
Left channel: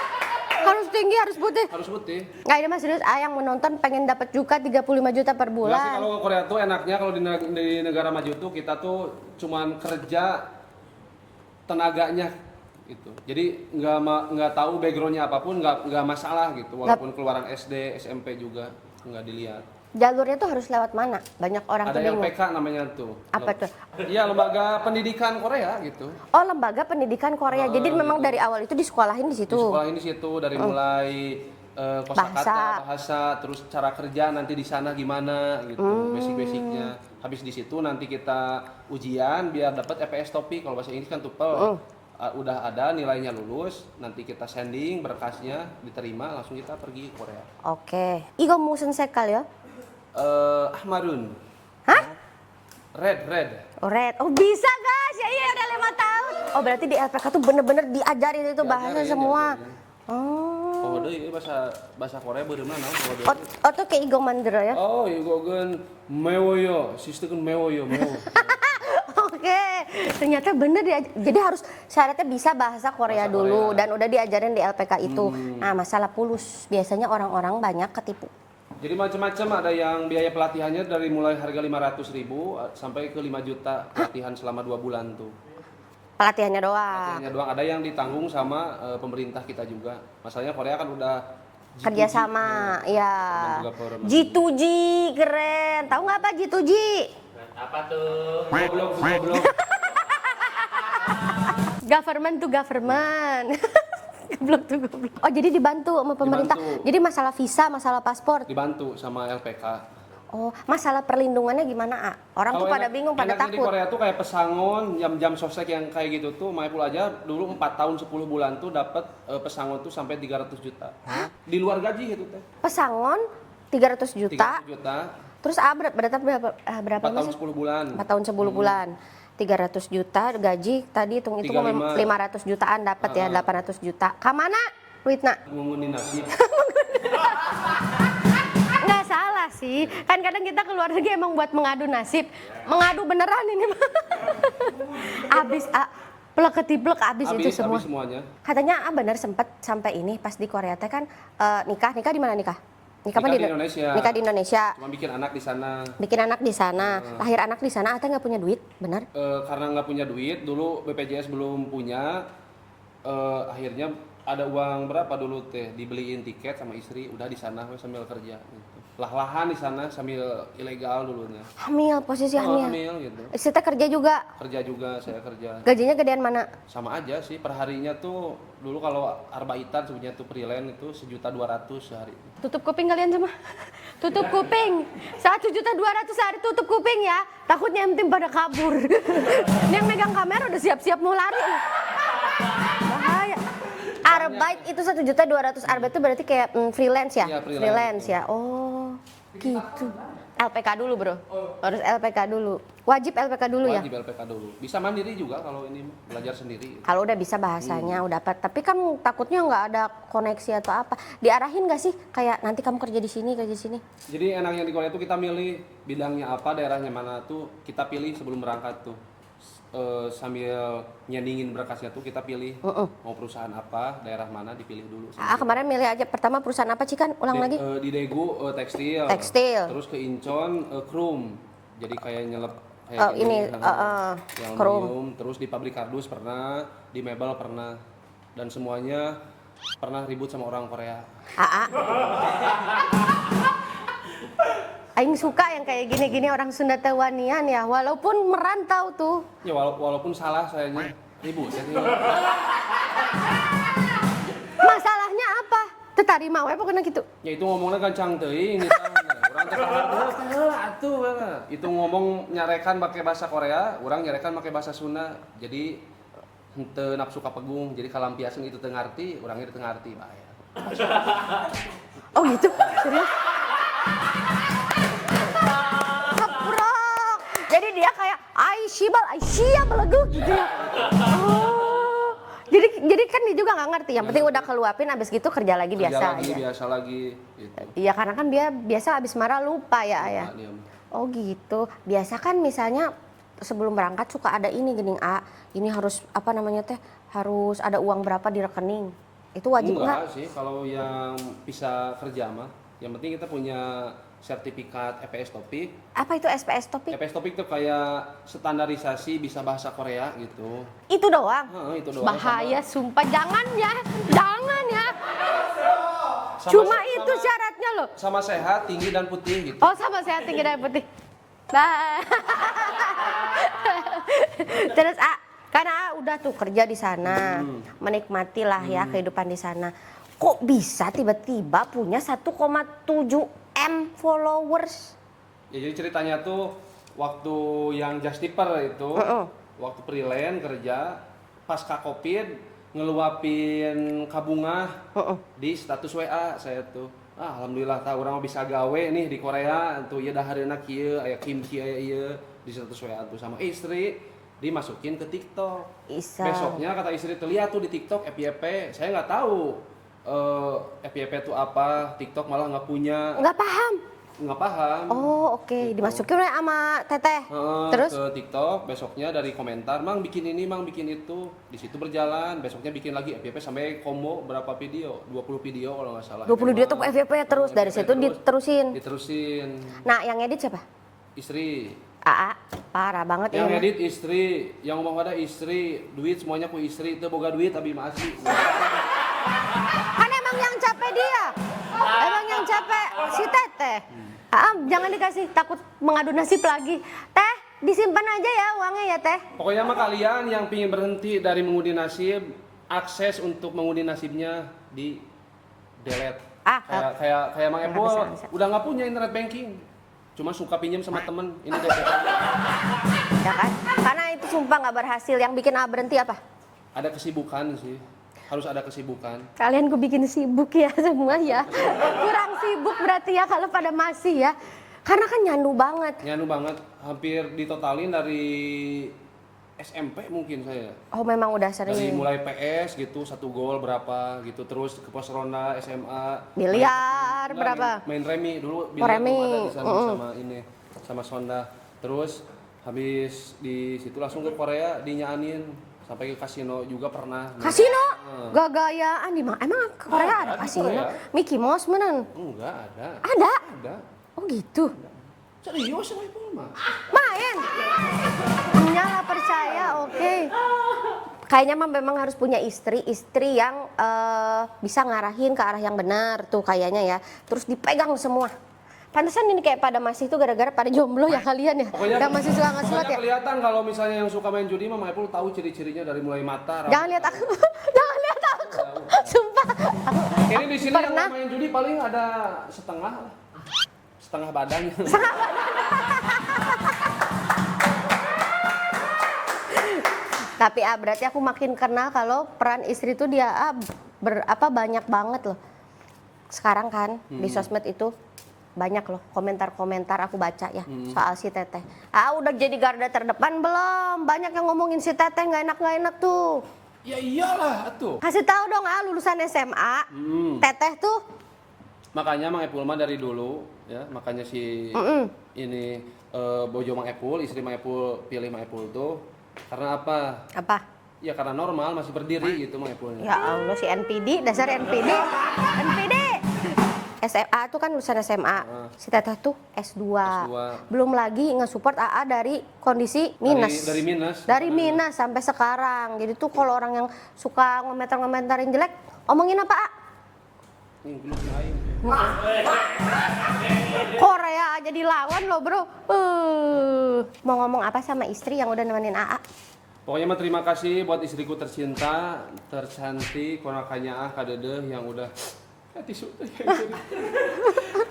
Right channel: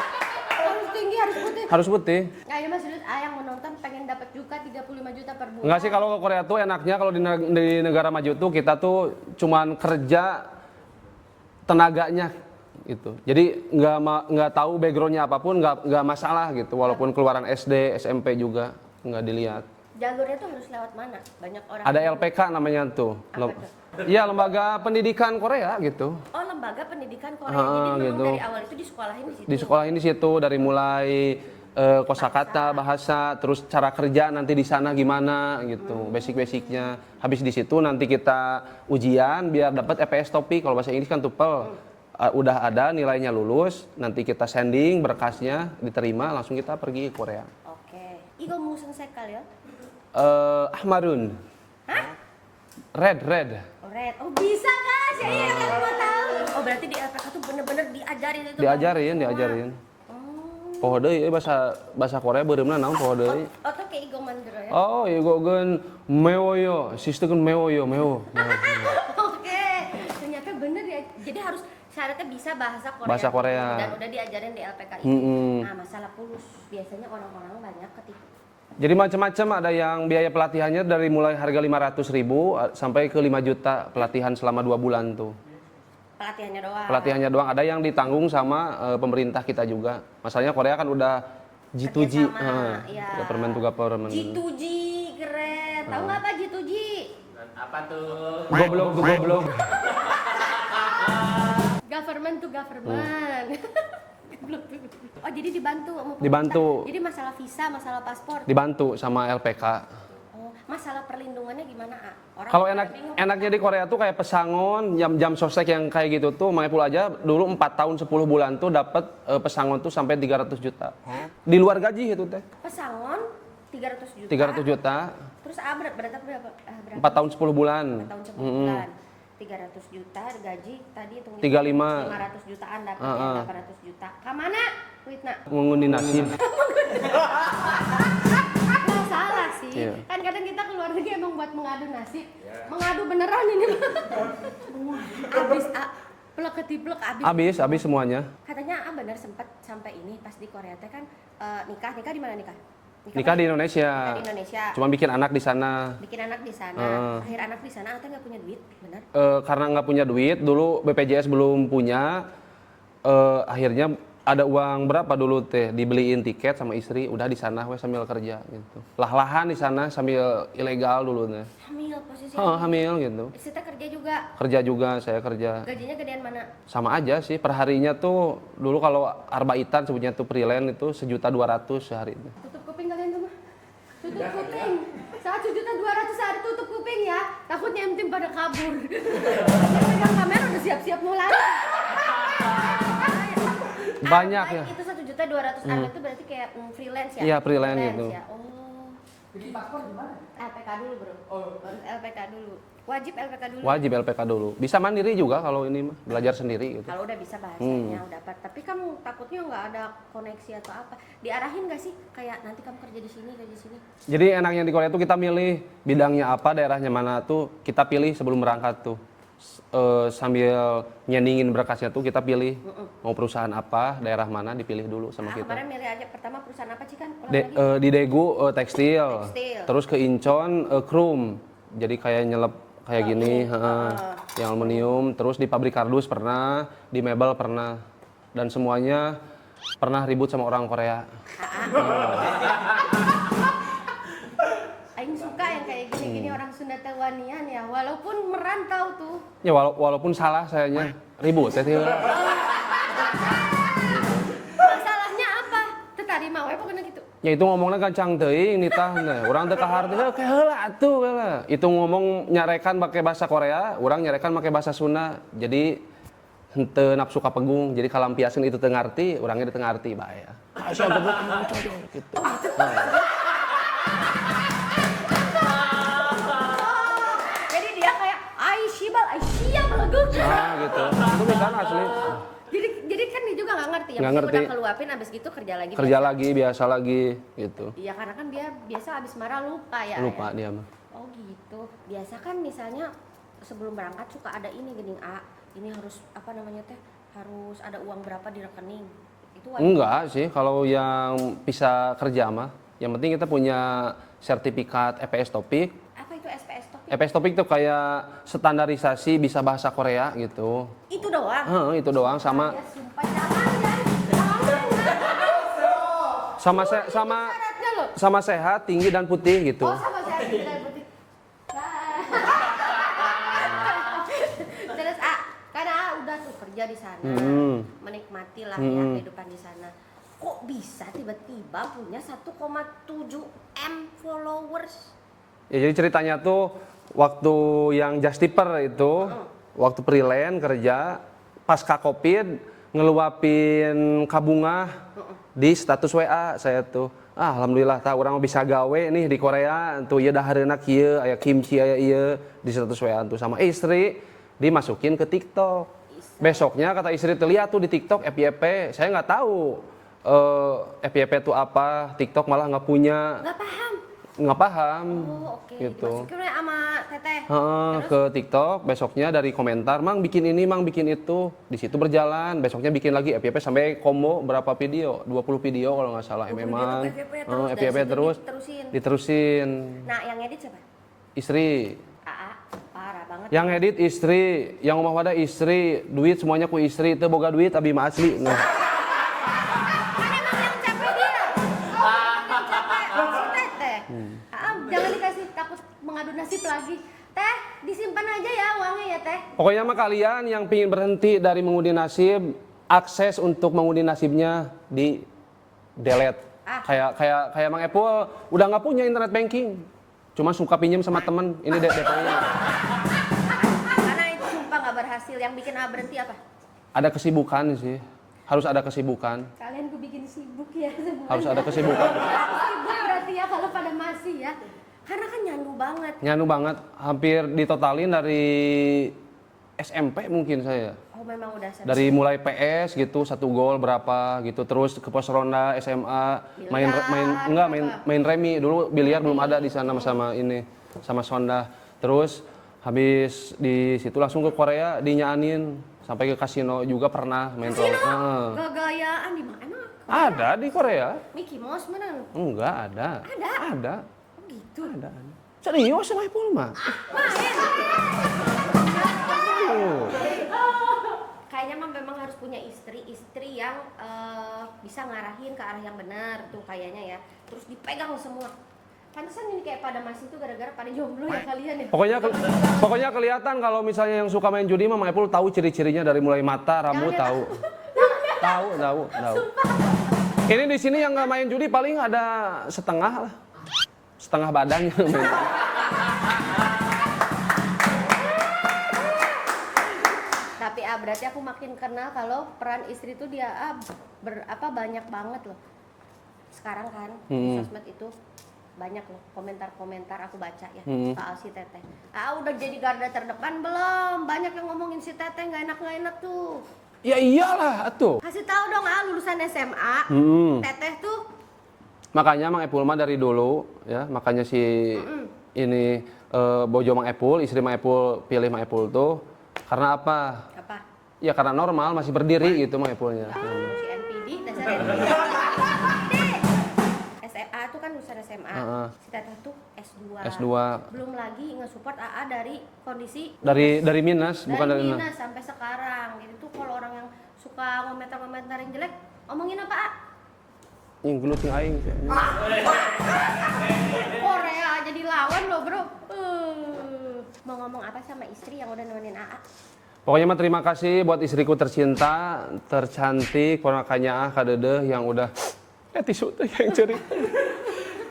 tinggi, harus putih. Harus putih. Nggak, ini mas serius, yang menonton pengen dapat juga 35 juta per bulan. Enggak sih, kalau ke Korea tuh enaknya kalau di negara maju tuh kita tuh cuman kerja tenaganya gitu. Jadi nggak tahu backgroundnya apapun nggak masalah gitu. Walaupun keluaran SD, SMP juga nggak dilihat. Jalurnya tuh harus lewat mana? Banyak orang Ada bingung. LPK namanya tuh. Apa tuh? Iya, lembaga pendidikan Korea gitu. Oh, lembaga pendidikan Korea. Jadi memang gitu. dari awal itu disekolahin di situ. Di sekolah ini situ dari mulai kosakata, bahasa, terus cara kerja nanti di sana gimana gitu, basic-basicnya. Habis di situ nanti kita ujian biar dapat EPS topik. Kalau bahasa Inggris kan TOEFL. Udah ada nilainya lulus, nanti kita sending berkasnya diterima, langsung kita pergi ke Korea. Oke. Igo musen sekal ya? Ahmarun. Hah? Red. Oh, red. Oh, bisa guys. Ya iya, udah 5 tahun. Oh, berarti di LPK tuh bener-bener diajarin itu bahasa semua. Diajarin. Oh. Poho deui bahasa Korea beureumna naon poho deui. Oh, tuh kayak Igo Mandra ya? Oh, igogeun mewoyo, sisteun mewoyo. Oke, ternyata bener jadi harus syaratnya bisa bahasa Korea Bahasa dulu Korea. dan udah diajarin di LPK itu. Nah, masalah pulus biasanya orang-orang banyak ketipu. Jadi macam-macam, ada yang biaya pelatihannya dari mulai harga 500.000 sampai ke 5 juta pelatihan selama 2 bulan tuh. Pelatihannya doang. Pelatihannya doang, ada yang ditanggung sama pemerintah kita juga. Masalahnya Korea kan udah G2G. Kerjasama, ya. Government to government. G2G, keren. Tahu nggak apa G2G? Apa tuh? Gua belum. Government to government. Goblok tuh, goblok. Oh, jadi dibantu sama pemerintah. Dibantu. Jadi masalah visa, masalah paspor. Dibantu sama LPK. Oh, masalah perlindungannya gimana, A? Orang Kalau tuh pada bingung, pada enaknya di takut. Korea tuh kayak pesangon, jam sosek yang kayak gitu tuh, Maipul aja dulu 4 tahun 10 bulan tuh dapat pesangon tuh sampai 300 juta. Di luar gaji itu teh. Pesangon 300 juta. 300 juta, Terus berapa 4 tahun 10 bulan. 4 tahun 10 bulan. 300 juta gaji tadi hitung-hitung 35. 500 jutaan dapat ya, 800 juta. Kamana duitna? Mengundi nasib. Nggak salah sih. Iya. Kan kadang kita keluar negeri emang buat mengadu nasib. Mengadu beneran ini. Abis plek-ketiplek abis itu Habis semua. semuanya. Katanya bener sempet sampai ini pas di Korea teh kan nikah di mana nikah? Nikah apa di Indonesia. Nikah di Indonesia. Cuma bikin anak di sana. Bikin anak di sana, lahir anak di sana, Ate nggak punya duit, benar? Karena nggak punya duit, dulu BPJS belum punya, akhirnya ada uang berapa dulu teh, dibeliin tiket sama istri, udah di sana we sambil kerja gitu. Lah-lahan di sana sambil ilegal dulu teh. Hamil, posisi Oh, hamil. hamil gitu. Istri teh kerja juga, Kerja juga, saya kerja. gajinya gedean mana? Sama aja sih, perharinya tuh dulu kalau arbaitan sebutnya tuh freelance itu 1.200.000 sehari. Tutup kuping kalian semua. Tutup kuping. 1.200.000 sehari tutup kuping ya. Takutnya em tim pada kabur. Yang megang kamera udah siap-siap mau lari. Bahaya. Banyak Arbeit ya. itu 1.200.000 arbeit itu berarti kayak freelance ya? Iya, freelance gitu. ya. Oh, gitu. LPK dulu bro. Harus LPK dulu. Wajib LPK dulu ya? Wajib LPK dulu. Bisa mandiri juga kalau ini mah, belajar sendiri gitu. Kalau udah bisa bahasanya, udah dapat. Tapi kan takutnya nggak ada koneksi atau apa. Diarahin nggak sih? Kayak nanti kamu kerja di sini, kerja di sini. Jadi enaknya di Korea tuh kita milih bidangnya apa, daerahnya mana tuh kita pilih sebelum berangkat tuh. Sambil nyendingin berkasnya tuh kita pilih mau perusahaan apa, daerah mana dipilih dulu sama kita. Kemarin milih aja pertama perusahaan apa sih kan? Ulang lagi. Di Daegu tekstil. Tekstil. Terus ke Incheon Krum. Jadi kayak nyelep kayak Oh, gini, ini, yang aluminium. Terus di pabrik kardus pernah, di mebel pernah, dan semuanya pernah ribut sama orang Korea. Aing suka yang kayak gini-gini orang Sunda Tewanian ya, walaupun merantau tuh. Ya walaupun salah sayanya ribut ya. Masalahnya apa? Tertarima we pokoknya gitu. Ya itu ngomongnya gancang teuing nitah nah. Urang teh kahar teh heula atuh heula. Itu ngomong nyarekan pakai bahasa Korea, urang nyarekan pakai bahasa Sunda. Jadi henteu nafsu kapegung, jadi kalampiaskeun itu teu ngarti, urangnya teu ngarti bae. Oh gitu. Serius? Ngeprok. Jadi dia kayak siap leguk. Nah gitu. Beneran asli. Jadi kan dia juga nggak ngerti. Yang Nggak penting udah ngerti. keluapin abis gitu kerja lagi Kerja biasa. lagi, biasa lagi gitu. Iya karena kan dia biasa abis marah lupa ya. Lupa ya. dia mah. Oh gitu. Biasa kan misalnya sebelum berangkat suka ada ini gening A. Ini harus apa namanya teh? Harus ada uang berapa di rekening. Itu wajib Enggak sih, kalau yang bisa kerja mah. Yang penting kita punya sertifikat EPS Topik. Apa itu SPS Topik? EPS Topik tuh kayak standarisasi bisa bahasa Korea gitu. Itu doang. Itu doang Bahaya, sumpah jangan ya. Jangan ya. sama Cuma itu syaratnya loh. sama sehat, tinggi dan putih gitu. Oh, sama saya tinggi dan putih. Bye. Terus karena udah tuh kerja di sana, menikmati lah ya kehidupan di sana. Kok bisa tiba-tiba punya 1,7 M followers? Ya jadi ceritanya tuh waktu yang Justiper itu, waktu freelance kerja, pasca Covid, ngeluapin kabungah di status WA saya tuh. Alhamdulillah tak orang bisa gawe nih di Korea tuh ya dahareuna kieu aya kimchi aya ieu di status WA tuh sama istri dimasukin ke TikTok. Besoknya kata istri tuh lihat tuh di TikTok FYP, saya nggak tahu FYP itu apa, TikTok malah nggak punya. Nggak paham. Oh oke, Gitu. dimasukin sama Teteh. Terus Ke TikTok, besoknya dari komentar, Mang bikin ini, Mang bikin itu. Di situ berjalan, besoknya bikin lagi FYP sampai combo berapa video? 20 video kalau nggak salah. 20 dia tuh FYP terus, dari FYP situ diterusin. Diterusin. Nah yang edit siapa? Istri. Parah banget Yang ya. edit istri, yang rumah pada istri, duit semuanya ku istri, itu boga duit abi mah asli. Kan emang yang capek dia. Emang yang capek si Teteh. Jangan dikasih, takut mengadu nasib lagi. Teh, disimpan aja ya uangnya ya Teh. Pokoknya mah kalian yang pingin berhenti dari mengundi nasib, akses untuk mengundi nasibnya di delete. Kayak Mang Epul udah nggak punya internet banking, cuma suka pinjam sama temen. Ini DP-nya. Ya kan? Karena itu sumpah nggak berhasil. Yang bikin berhenti apa? Ada kesibukan sih, harus ada kesibukan. Kalian gue bikin sibuk ya semua Harus ya. ada kesibukan. Kurang sibuk berarti ya kalau pada masih ya. Karena kan nyandu banget. Nyandu banget, hampir ditotalin dari SMP mungkin saya. Oh memang udah sering. Dari mulai PS gitu, 1 gol berapa gitu, terus ke pos ronda SMA, Biliar, main remi dulu, biliar Remi. belum ada di sana sama ini, sama Sonda. Terus habis di situ langsung ke Korea dinyaanin sampai ke kasino juga pernah. Kasino? Gagayaan di mana? Emang Korea? Ada di kasino? Korea. Mickey Mouse menan? Enggak ada. Ada? Ada. Oh gitu? Serius sama Ipul mah? Main? Ya percaya, oke. Kayaknya mah memang harus punya istri yang bisa ngarahin ke arah yang benar tuh kayaknya ya. Terus dipegang semua. Pantesan ini kayak pada masih itu gara-gara pada jomblo ya kalian ya. Pokoknya masih suka pokoknya ya? kelihatan kalau misalnya yang suka main judi mah Ipul tahu ciri-cirinya dari mulai mata, Jangan rambut lihat tahu. Tahu. Sumpah. Ini di sini yang nggak main judi paling ada setengah lah. Setengah badan. Tapi berarti aku makin kenal kalau peran istri itu dia banyak banget loh. Sekarang kan di sosmed itu banyak loh komentar-komentar aku baca ya soal si Teteh. Udah jadi garda terdepan belum? Banyak yang ngomongin si Teteh nggak enak tuh. Ya iyalah tuh. Kasih tahu dong lulusan SMA. Teteh tuh. Makanya Mang Epul mah dari dulu ya, makanya si ini bojo Mang Epul, istri Mang Epul pilih Mang Epul tuh karena apa? Apa? Ya karena normal, masih berdiri gitu Mang Epulnya. Ya Allah si NPD, dasar NPD. NPD. SMA tuh kan lulusan SMA. Si Teteh tuh S2. Belum lagi nge-support AA dari kondisi minus. Dari minus, Dari bukan dari minus sampai sekarang. Jadi tuh kalau orang yang suka ngomentar-ngomentarin jelek, omongin apa, A? Yang gelut aing. Korea jadi lawan loh, Bro. Mau ngomong apa sama istri yang udah nemenin AA? Pokoknya mah terima kasih buat istriku tercinta, tercantik, ponakannya kadedeh yang udah tisu tuh yang curi.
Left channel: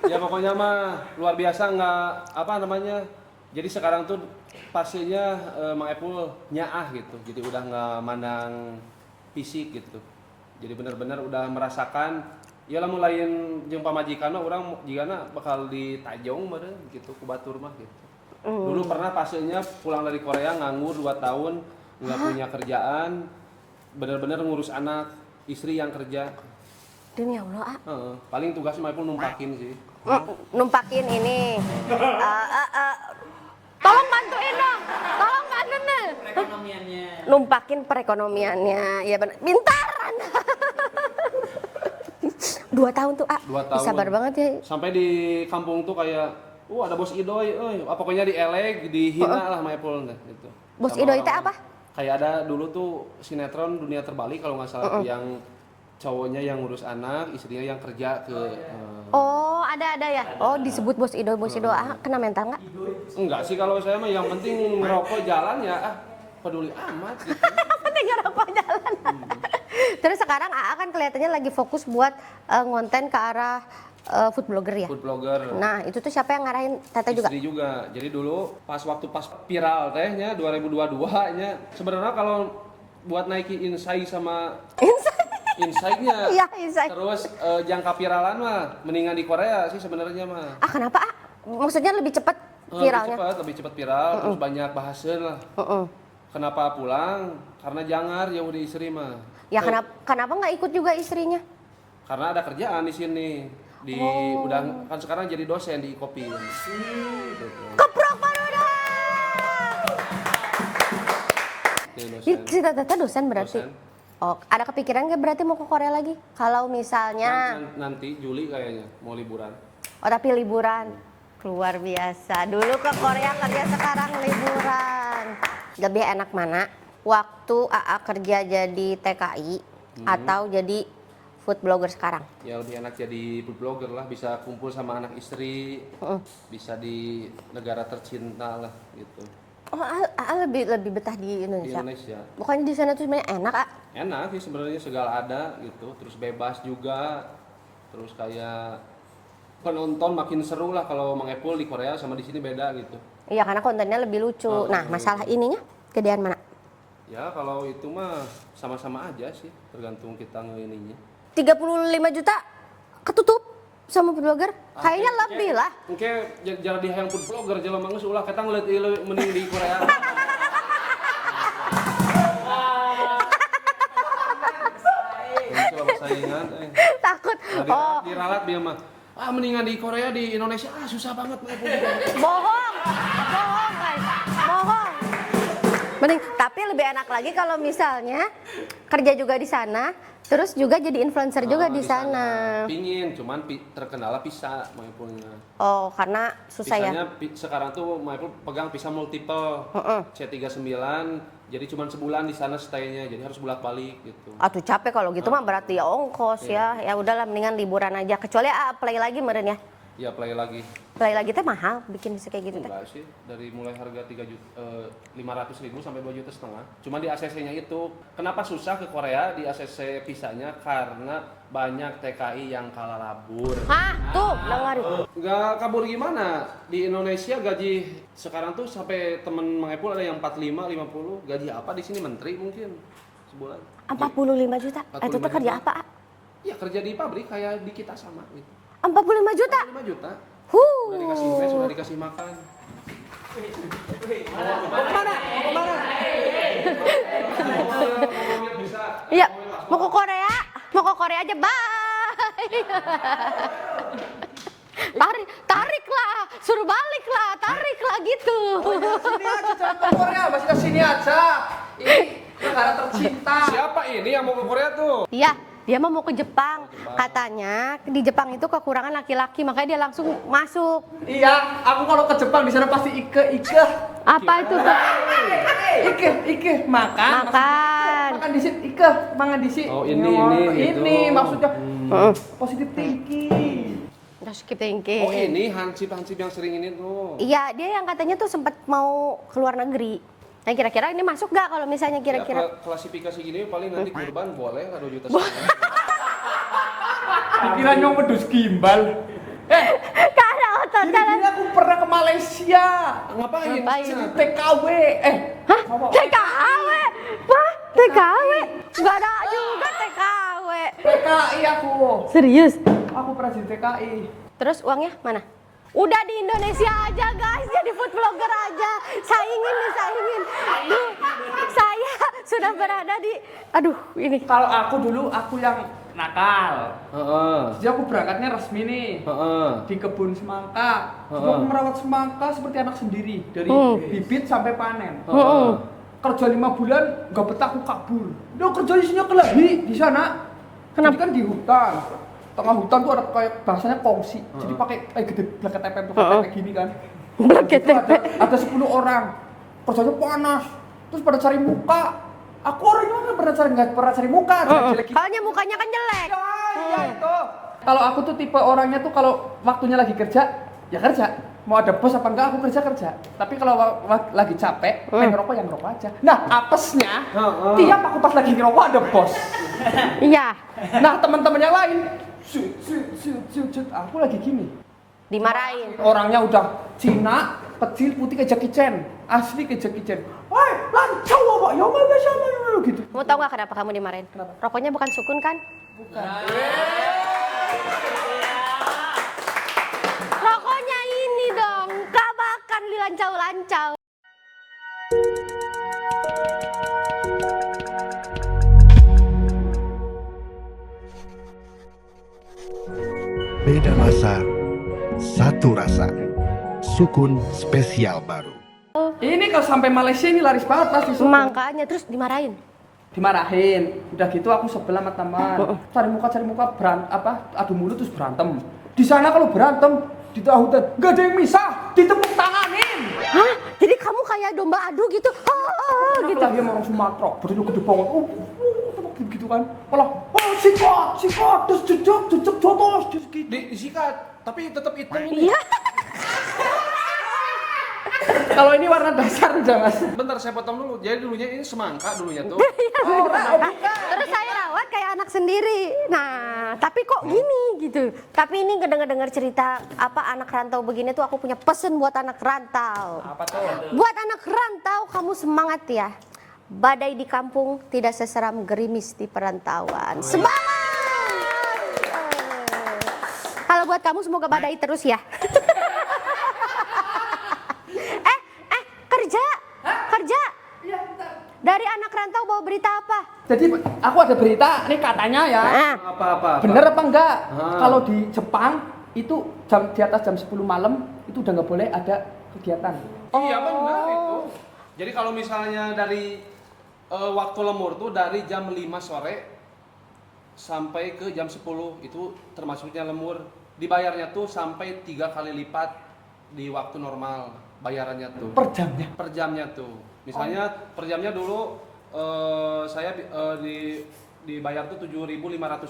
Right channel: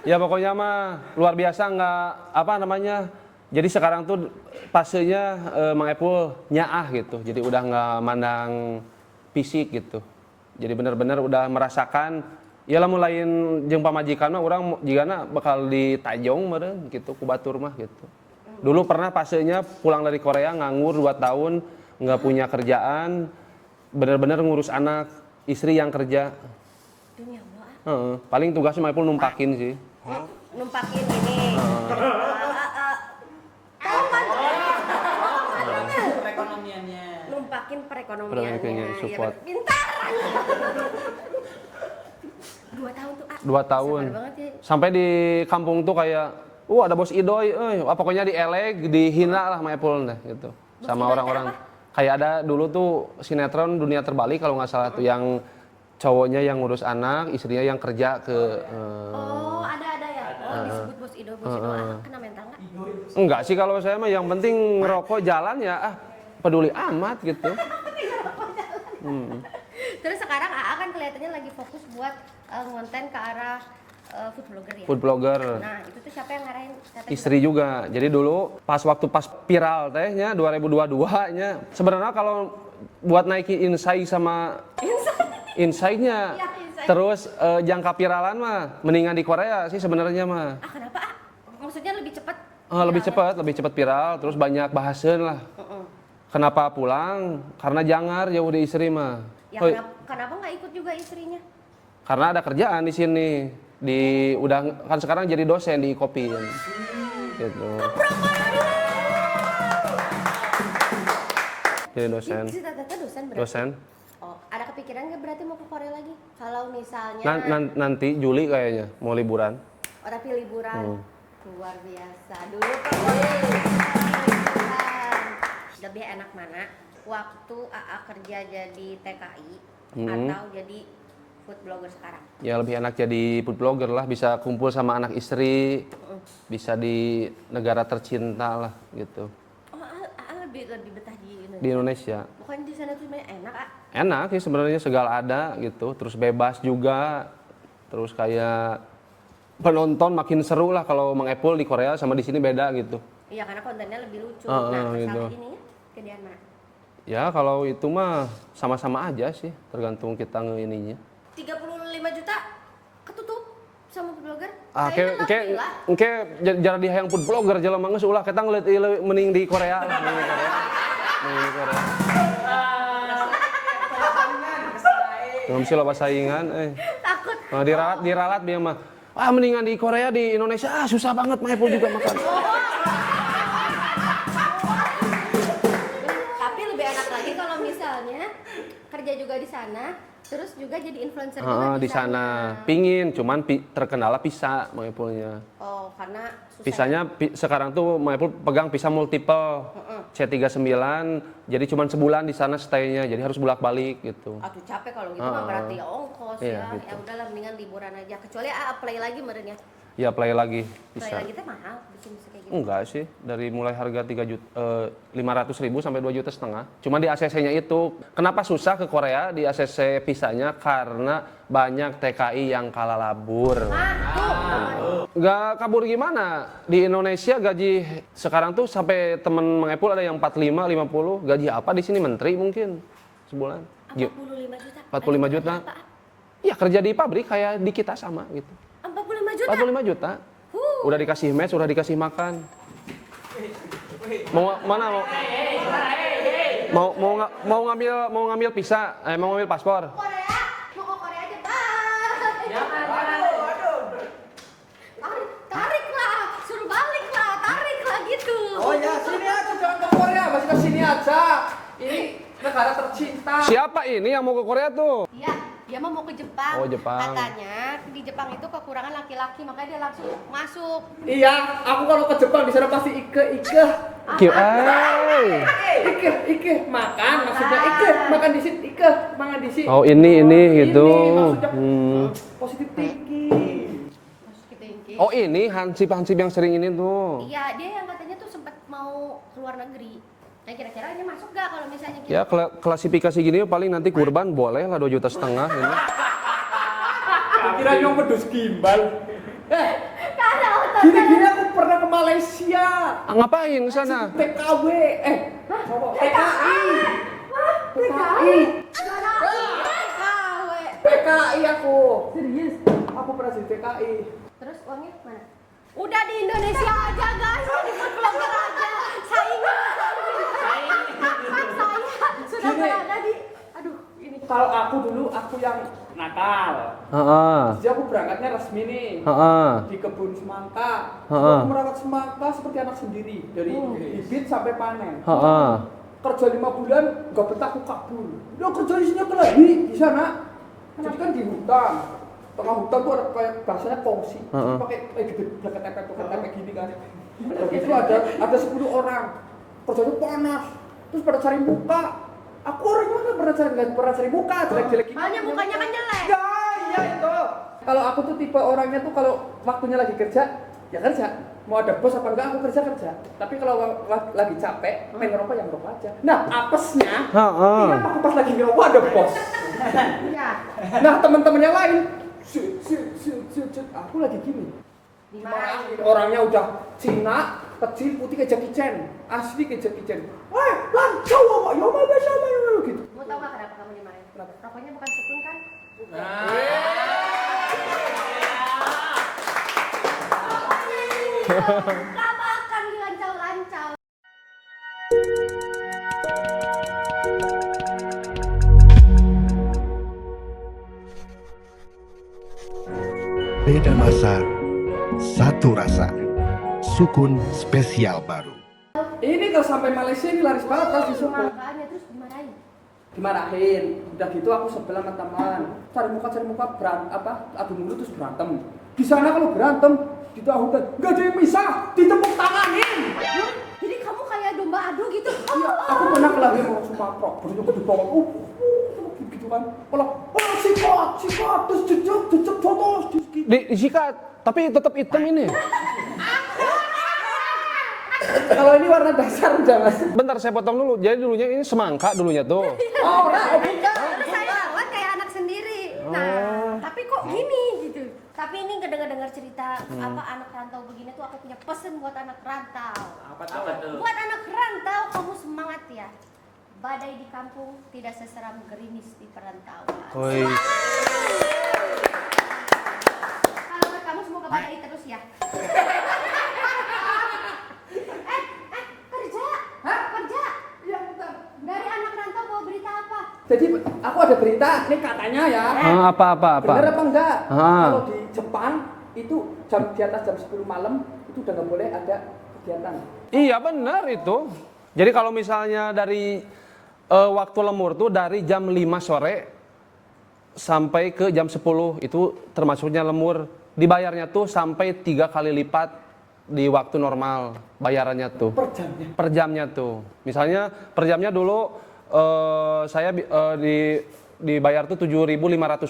Ya pokoknya mah luar biasa nggak apa namanya. Jadi sekarang tuh fasenya Mang Epul nyaah gitu. Jadi udah nggak mandang fisik gitu. Jadi benar-benar udah merasakan. Ya lah mulain jeung pamajikan mah urang jigana bakal ditajong meureun gitu ku batur mah gitu. Dulu pernah fasenya pulang dari Korea nganggur 2 tahun, nggak punya kerjaan, benar-benar ngurus anak, istri yang kerja. Demi Allah, A. Paling tugasnya Mang Epul numpakin sih. Numpakin ini. Tolong bantuin dong. Tolong bantuin. Perekonomiannya. Numpakin perekonomiannya. Iya benar. Pintar. 2 tahun tuh, 2 tahun. Sabar banget ya. Sampai di kampung tuh kayak, ada bos Idoy, pokoknya dieleg, dihina lah Maepul nah gitu. Bos Sama Idoy teh orang-orang. apa? Kayak ada dulu tuh sinetron Dunia Terbalik kalau nggak salah tuh yang cowoknya yang ngurus anak, istrinya yang kerja ke Oh, ada ya. Oh, disebut bos Ido, kena mental nggak? enggak sih kalau saya mah yang penting ngerokok jalan ya peduli amat gitu. Penting ngerokok jalan. Terus sekarang AA kan kelihatannya lagi fokus buat ngonten ke arah food blogger ya. Food blogger. Nah, itu tuh siapa yang ngarahin Tete juga? Istri juga. Jadi dulu pas viral tehnya 2022-nya sebenarnya kalau buat naikin insight sama insight-nya. Iya, insight. Terus jangka viralan mah mendingan di Korea sih sebenarnya mah. Kenapa Maksudnya lebih cepat viralnya? Lebih cepat viral, terus banyak bahasan lah. Kenapa pulang? Karena jangar ya udah istri mah. Ya kenapa nggak ikut juga istrinya? Karena ada kerjaan di sini. Udah kan sekarang jadi dosen di Kopi. Gitu. Jadi dosen. Si Tete dosen berarti? Dosen. Oh, ada kepikiran nggak berarti mau ke Korea lagi? Kalau misalnya... Nanti Juli kayaknya mau liburan. Oh, tapi liburan. Luar biasa. Dulu ke Korea kerja, sekarang liburan. Lebih enak mana? Waktu AA kerja jadi TKI atau jadi food blogger sekarang? Ya lebih enak jadi food blogger lah, bisa kumpul sama anak istri, bisa di negara tercinta lah gitu. Oh, AA lebih betah di Indonesia? Di Indonesia. Bukannya di sana tuh sebenarnya enak, A? Enak sih sebenarnya, segala ada gitu, terus bebas juga, terus kayak penonton makin seru lah kalau Mang Epul di Korea sama di sini beda gitu. Iya, karena kontennya lebih lucu. Nah, masalah gitu. ininya gedean mana? Ya kalau itu mah sama-sama aja sih, tergantung kita ininya. 35 juta ketutup sama food blogger? Kayaknya lebih lah. Oke, jangan di hayang food blogger, jalan mangus ulah kita ngeliat mending di Korea. Kunci lo saingan, Takut. Nah, diralat dia mah. Mendingan di Korea, di Indonesia, susah banget Maepul juga makan. Bohong. Mending, tapi lebih enak lagi kalau misalnya kerja juga di sana, terus juga jadi influencer juga di sana. Pingin, cuman terkenalnya pisa Maepulnya. Oh, karena susah Pisanya ya? sekarang tuh Maepul pegang pisa multiple, C39, jadi cuman sebulan di sana stay-nya, jadi harus bolak-balik gitu. Aduh capek kalau gitu mah berarti ya ongkos ya. Iya, gitu. Ya udahlah mendingan liburan aja. Kecuali play lagi meren ya. Ya play lagi. Play lagi teh mahal bikin bisa kayak gitu. Teh. Enggak sih, dari mulai harga 500.000 sampai 2,5 juta. Cuma di ACC-nya itu, kenapa susah ke Korea di ACC visanya? Karena banyak TKI yang kalah labur. Hah? Tuh, dengerin. Nggak kabur gimana? Di Indonesia gaji sekarang tuh sampai temen Mang Epul ada yang 45, 50. Gaji apa di sini? Menteri mungkin sebulan. 45 juta? 45 itu juta. kerja apa? Ya kerja di pabrik kayak di kita sama gitu. 45 juta? 45 juta. Udah dikasih mes, udah dikasih makan. Mau ngambil visa, Ya, mau ngambil paspor. mau ke Korea aja, bye. Tarik lah, suruh balik lah gitu. Oh ya, sini aja, jangan ke Korea, masih ke sini aja. Ini negara tercinta. Siapa ini yang mau ke Korea tuh? Iya, dia mau ke Jepang. Oh, Jepang. Katanya di Jepang itu kekurangan laki-laki, makanya dia langsung masuk. Iya, aku kalau ke Jepang di sana pasti ike. Apa itu? Ike, makan. Maksudnya ike, makan di sini, ike, makan di sini. Oh, ini gitu. Ini maksudnya positif thinking. Skip thinking. Oh, ini hansip yang sering ini tuh. Iya, dia yang katanya tuh sempat mau keluar negeri. Nah, kira-kira ini masuk nggak kalau misalnya Ya, kira-kira? klasifikasi gini paling nanti kurban boleh lah 2,5 juta ini. Kira nyong pedus gimbal. Karena otak Gini aku pernah ke Malaysia. Ngapain di sana? TKW. Hah? TKI? Wah, TKI? Nggak ada TKW. TKI aku. Serius? Aku pernah jadi TKI. Terus uangnya mana? Udah di Indonesia aja guys, jadi food blogger aja. Saingin. Saya sudah berada di, aduh ini. Kalau aku dulu aku yang nakal. Heeh. Jadi aku berangkatnya resmi nih. Heeh. Di kebun semangka. Heeh. Aku merawat semangka seperti anak sendiri dari bibit sampai panen. Heeh. Kerja 5 bulan nggak betah aku kabur. Udah kerja isinya kelahi di sana. Kenapa? Jadi kan di hutan. tengah hutan tuh ada kayak bahasanya kongsi. Jadi pakai gede blanket tepek tuh kayak gini kan. Blanket Itu ada 10 orang. Kerjanya panas. Terus pada cari muka. Aku orangnya nggak pernah cari muka, jelek-jelek gitu. Soalnya mukanya kan jelek. Ya itu. Kalau aku tuh tipe orangnya tuh kalau waktunya lagi kerja, ya kerja. Mau ada bos apa enggak, aku kerja. Tapi kalau lagi capek, pengen ngerokok ya ngerokok aja. Nah, apesnya, tiap aku pas lagi ngerokok ada bos. Iya. Nah, teman-temannya lain, shoot, aku lagi gini. Dimarahin. Orangnya udah Cina, kecil, putih kayak Jackie Chan. Asli kayak Jackie Chan. Woi, lancau apa? Ya mana siapa gitu. Kamu tahu nggak kenapa kamu dimarahin? Rokoknya bukan Sukun kan? Rokoknya ini dong. Gak makan dilancau-lancau. Beda masa, satu rasa. Sukun spesial baru. Ini kalau sampai Malaysia ini laris banget pasti. Makanya terus dimarahin. Dimarahin, udah gitu aku sebelah sama teman. Cari muka adu mulut terus berantem. Di sana kalau berantem di tahu gak ada yang misah, ditepuk tanganin. Hah? Jadi kamu kayak domba adu gitu? Iya, aku pernah lagi sama orang Sumatera, berdiri gede banget. Gitu kan. Kalau sikat, terus jejak jotos, terus gitu. Disikat, tapi tetap hitam ini. Kalau ini warna dasar jangan. Bentar saya potong dulu. Jadi dulunya ini semangka dulunya tuh. Terus saya rawat kayak anak sendiri. Nah, tapi kok gini gitu. Tapi ini dengar cerita apa anak rantau begini tuh aku punya pesen buat anak rantau. Apa tuh? Buat anak rantau kamu semangat ya. Badai di kampung tidak seseram gerimis di perantauan. Semangat! Kalau buat kamu semoga badai terus ya. Kerja. Iya, bentar. Dari anak rantau bawa berita apa? Jadi aku ada berita, ini katanya ya. Apa? Bener apa enggak? Ah. Kalau di Jepang itu di atas jam 10 malam itu udah nggak boleh ada kegiatan. Iya benar itu. Jadi kalau misalnya dari waktu lemur tuh dari jam 5 sore sampai ke jam 10 itu termasuknya lemur. Dibayarnya tuh sampai 3 kali lipat di waktu normal bayarannya tuh. Per jamnya? Per jamnya tuh. Misalnya per jamnya dulu saya dibayar tuh 7.500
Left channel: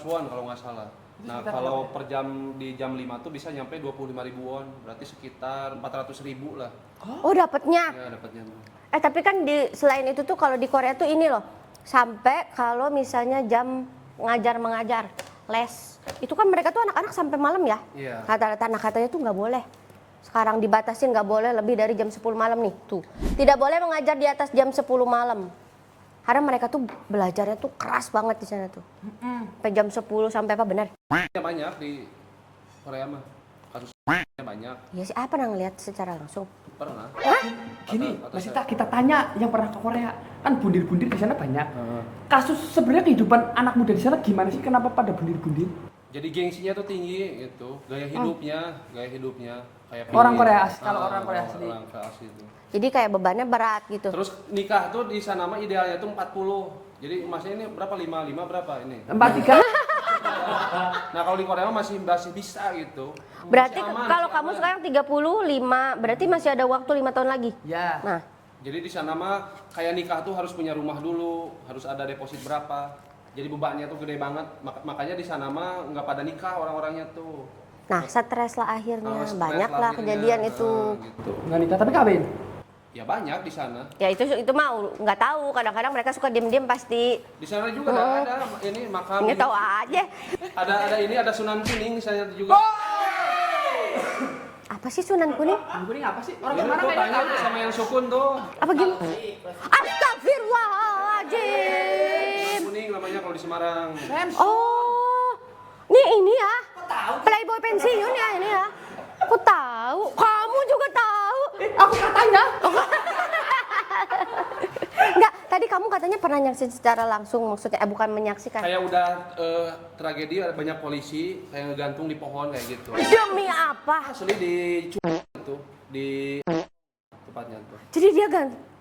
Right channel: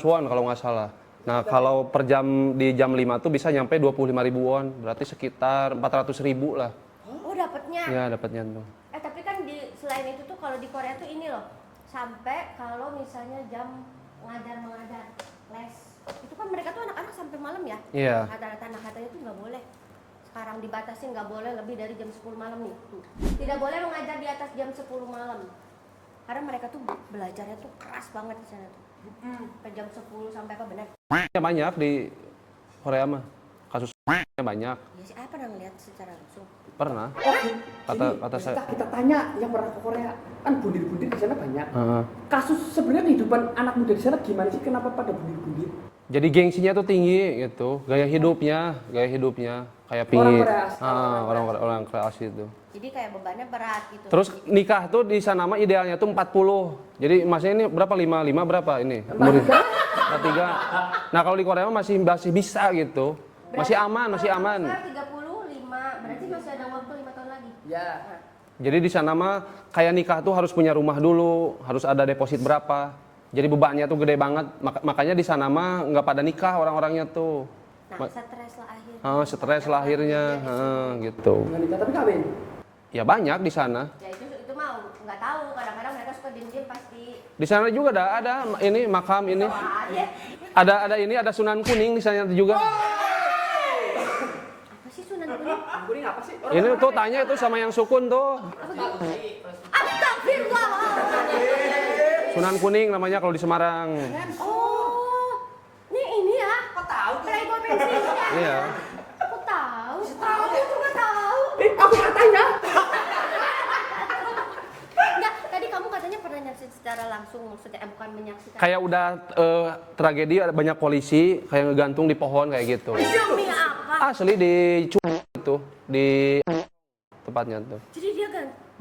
won kalau nggak salah. Nah kalau per jam di jam 5 tuh bisa nyampe 25.000 won. Berarti sekitar 400.000 lah. Oh dapatnya. Ya dapatnya tuh. Tapi kan selain itu tuh kalau di Korea tuh ini loh. Sampai kalau misalnya jam mengajar les. Itu kan mereka tuh anak-anak sampai malam ya. Iya. Katanya tuh nggak boleh. Sekarang dibatasin nggak boleh lebih dari jam 10 malam nih. Tuh. Tidak boleh mengajar di atas jam 10 malam. Karena mereka tuh belajarnya tuh keras banget di sana tuh. Sampai jam 10 sampai apa benar? Ya banyak di Korea mah. Kasusnya banyak. Ya sih, pernah ngeliat secara langsung. Pernah. Gini, kita tanya yang pernah ke Korea, kan bundir-bundir di sana banyak. Kasus sebenarnya kehidupan anak muda di sana gimana sih? Kenapa pada bundir-bundir? Jadi gengsinya tuh tinggi gitu. Gaya hidupnya kayak pingin. Orang Korea asli. Orang Korea asli itu. Jadi kayak bebannya berat gitu. Terus nikah tuh di sana mah idealnya tuh 40. Jadi masnya ini berapa? 55 berapa ini? 43. Nah kalau di Korea mah masih bisa gitu. Berarti masih aman, kalau masih kamu aman. sekarang 35, berarti masih ada waktu 5 tahun lagi. Ya. Nah, Jadi di sana mah kayak nikah tuh harus punya rumah dulu, harus ada deposit berapa. Jadi bebannya tuh gede banget. Makanya di sana mah nggak pada nikah orang-orangnya tuh. nah stres lah akhirnya. Stres Banyak lah lah akhirnya. kejadian itu. Gitu. Nggak nikah, tapi kawin? Ya banyak di sana. Ya itu mau nggak tahu. Kadang-kadang mereka suka diem-diem pasti. Di sana juga ada ini makam Ini ini. tahu aja. Ada Sunan Kuning di sana juga. Apa sih Sunan Kuning? Kuning apa sih? Ini tuh tanya tuh sama yang sukun tuh. Apa gini? Astagfirullahaladzim. Sunan Kuning namanya kalau di Semarang. Oh, ini ya? Kok tahu? Playboy pensiun ya? Ini Iya. ya? Aku tahu. Kamu juga tahu. Aku nggak tanya. Enggak, tadi kamu katanya pernah nyaksiin secara langsung, maksudnya bukan menyaksikan. Kayak udah tragedi ada banyak polisi kayak ngegantung di pohon kayak gitu. Demi apa? Asli di itu di tempatnya tuh. Jadi dia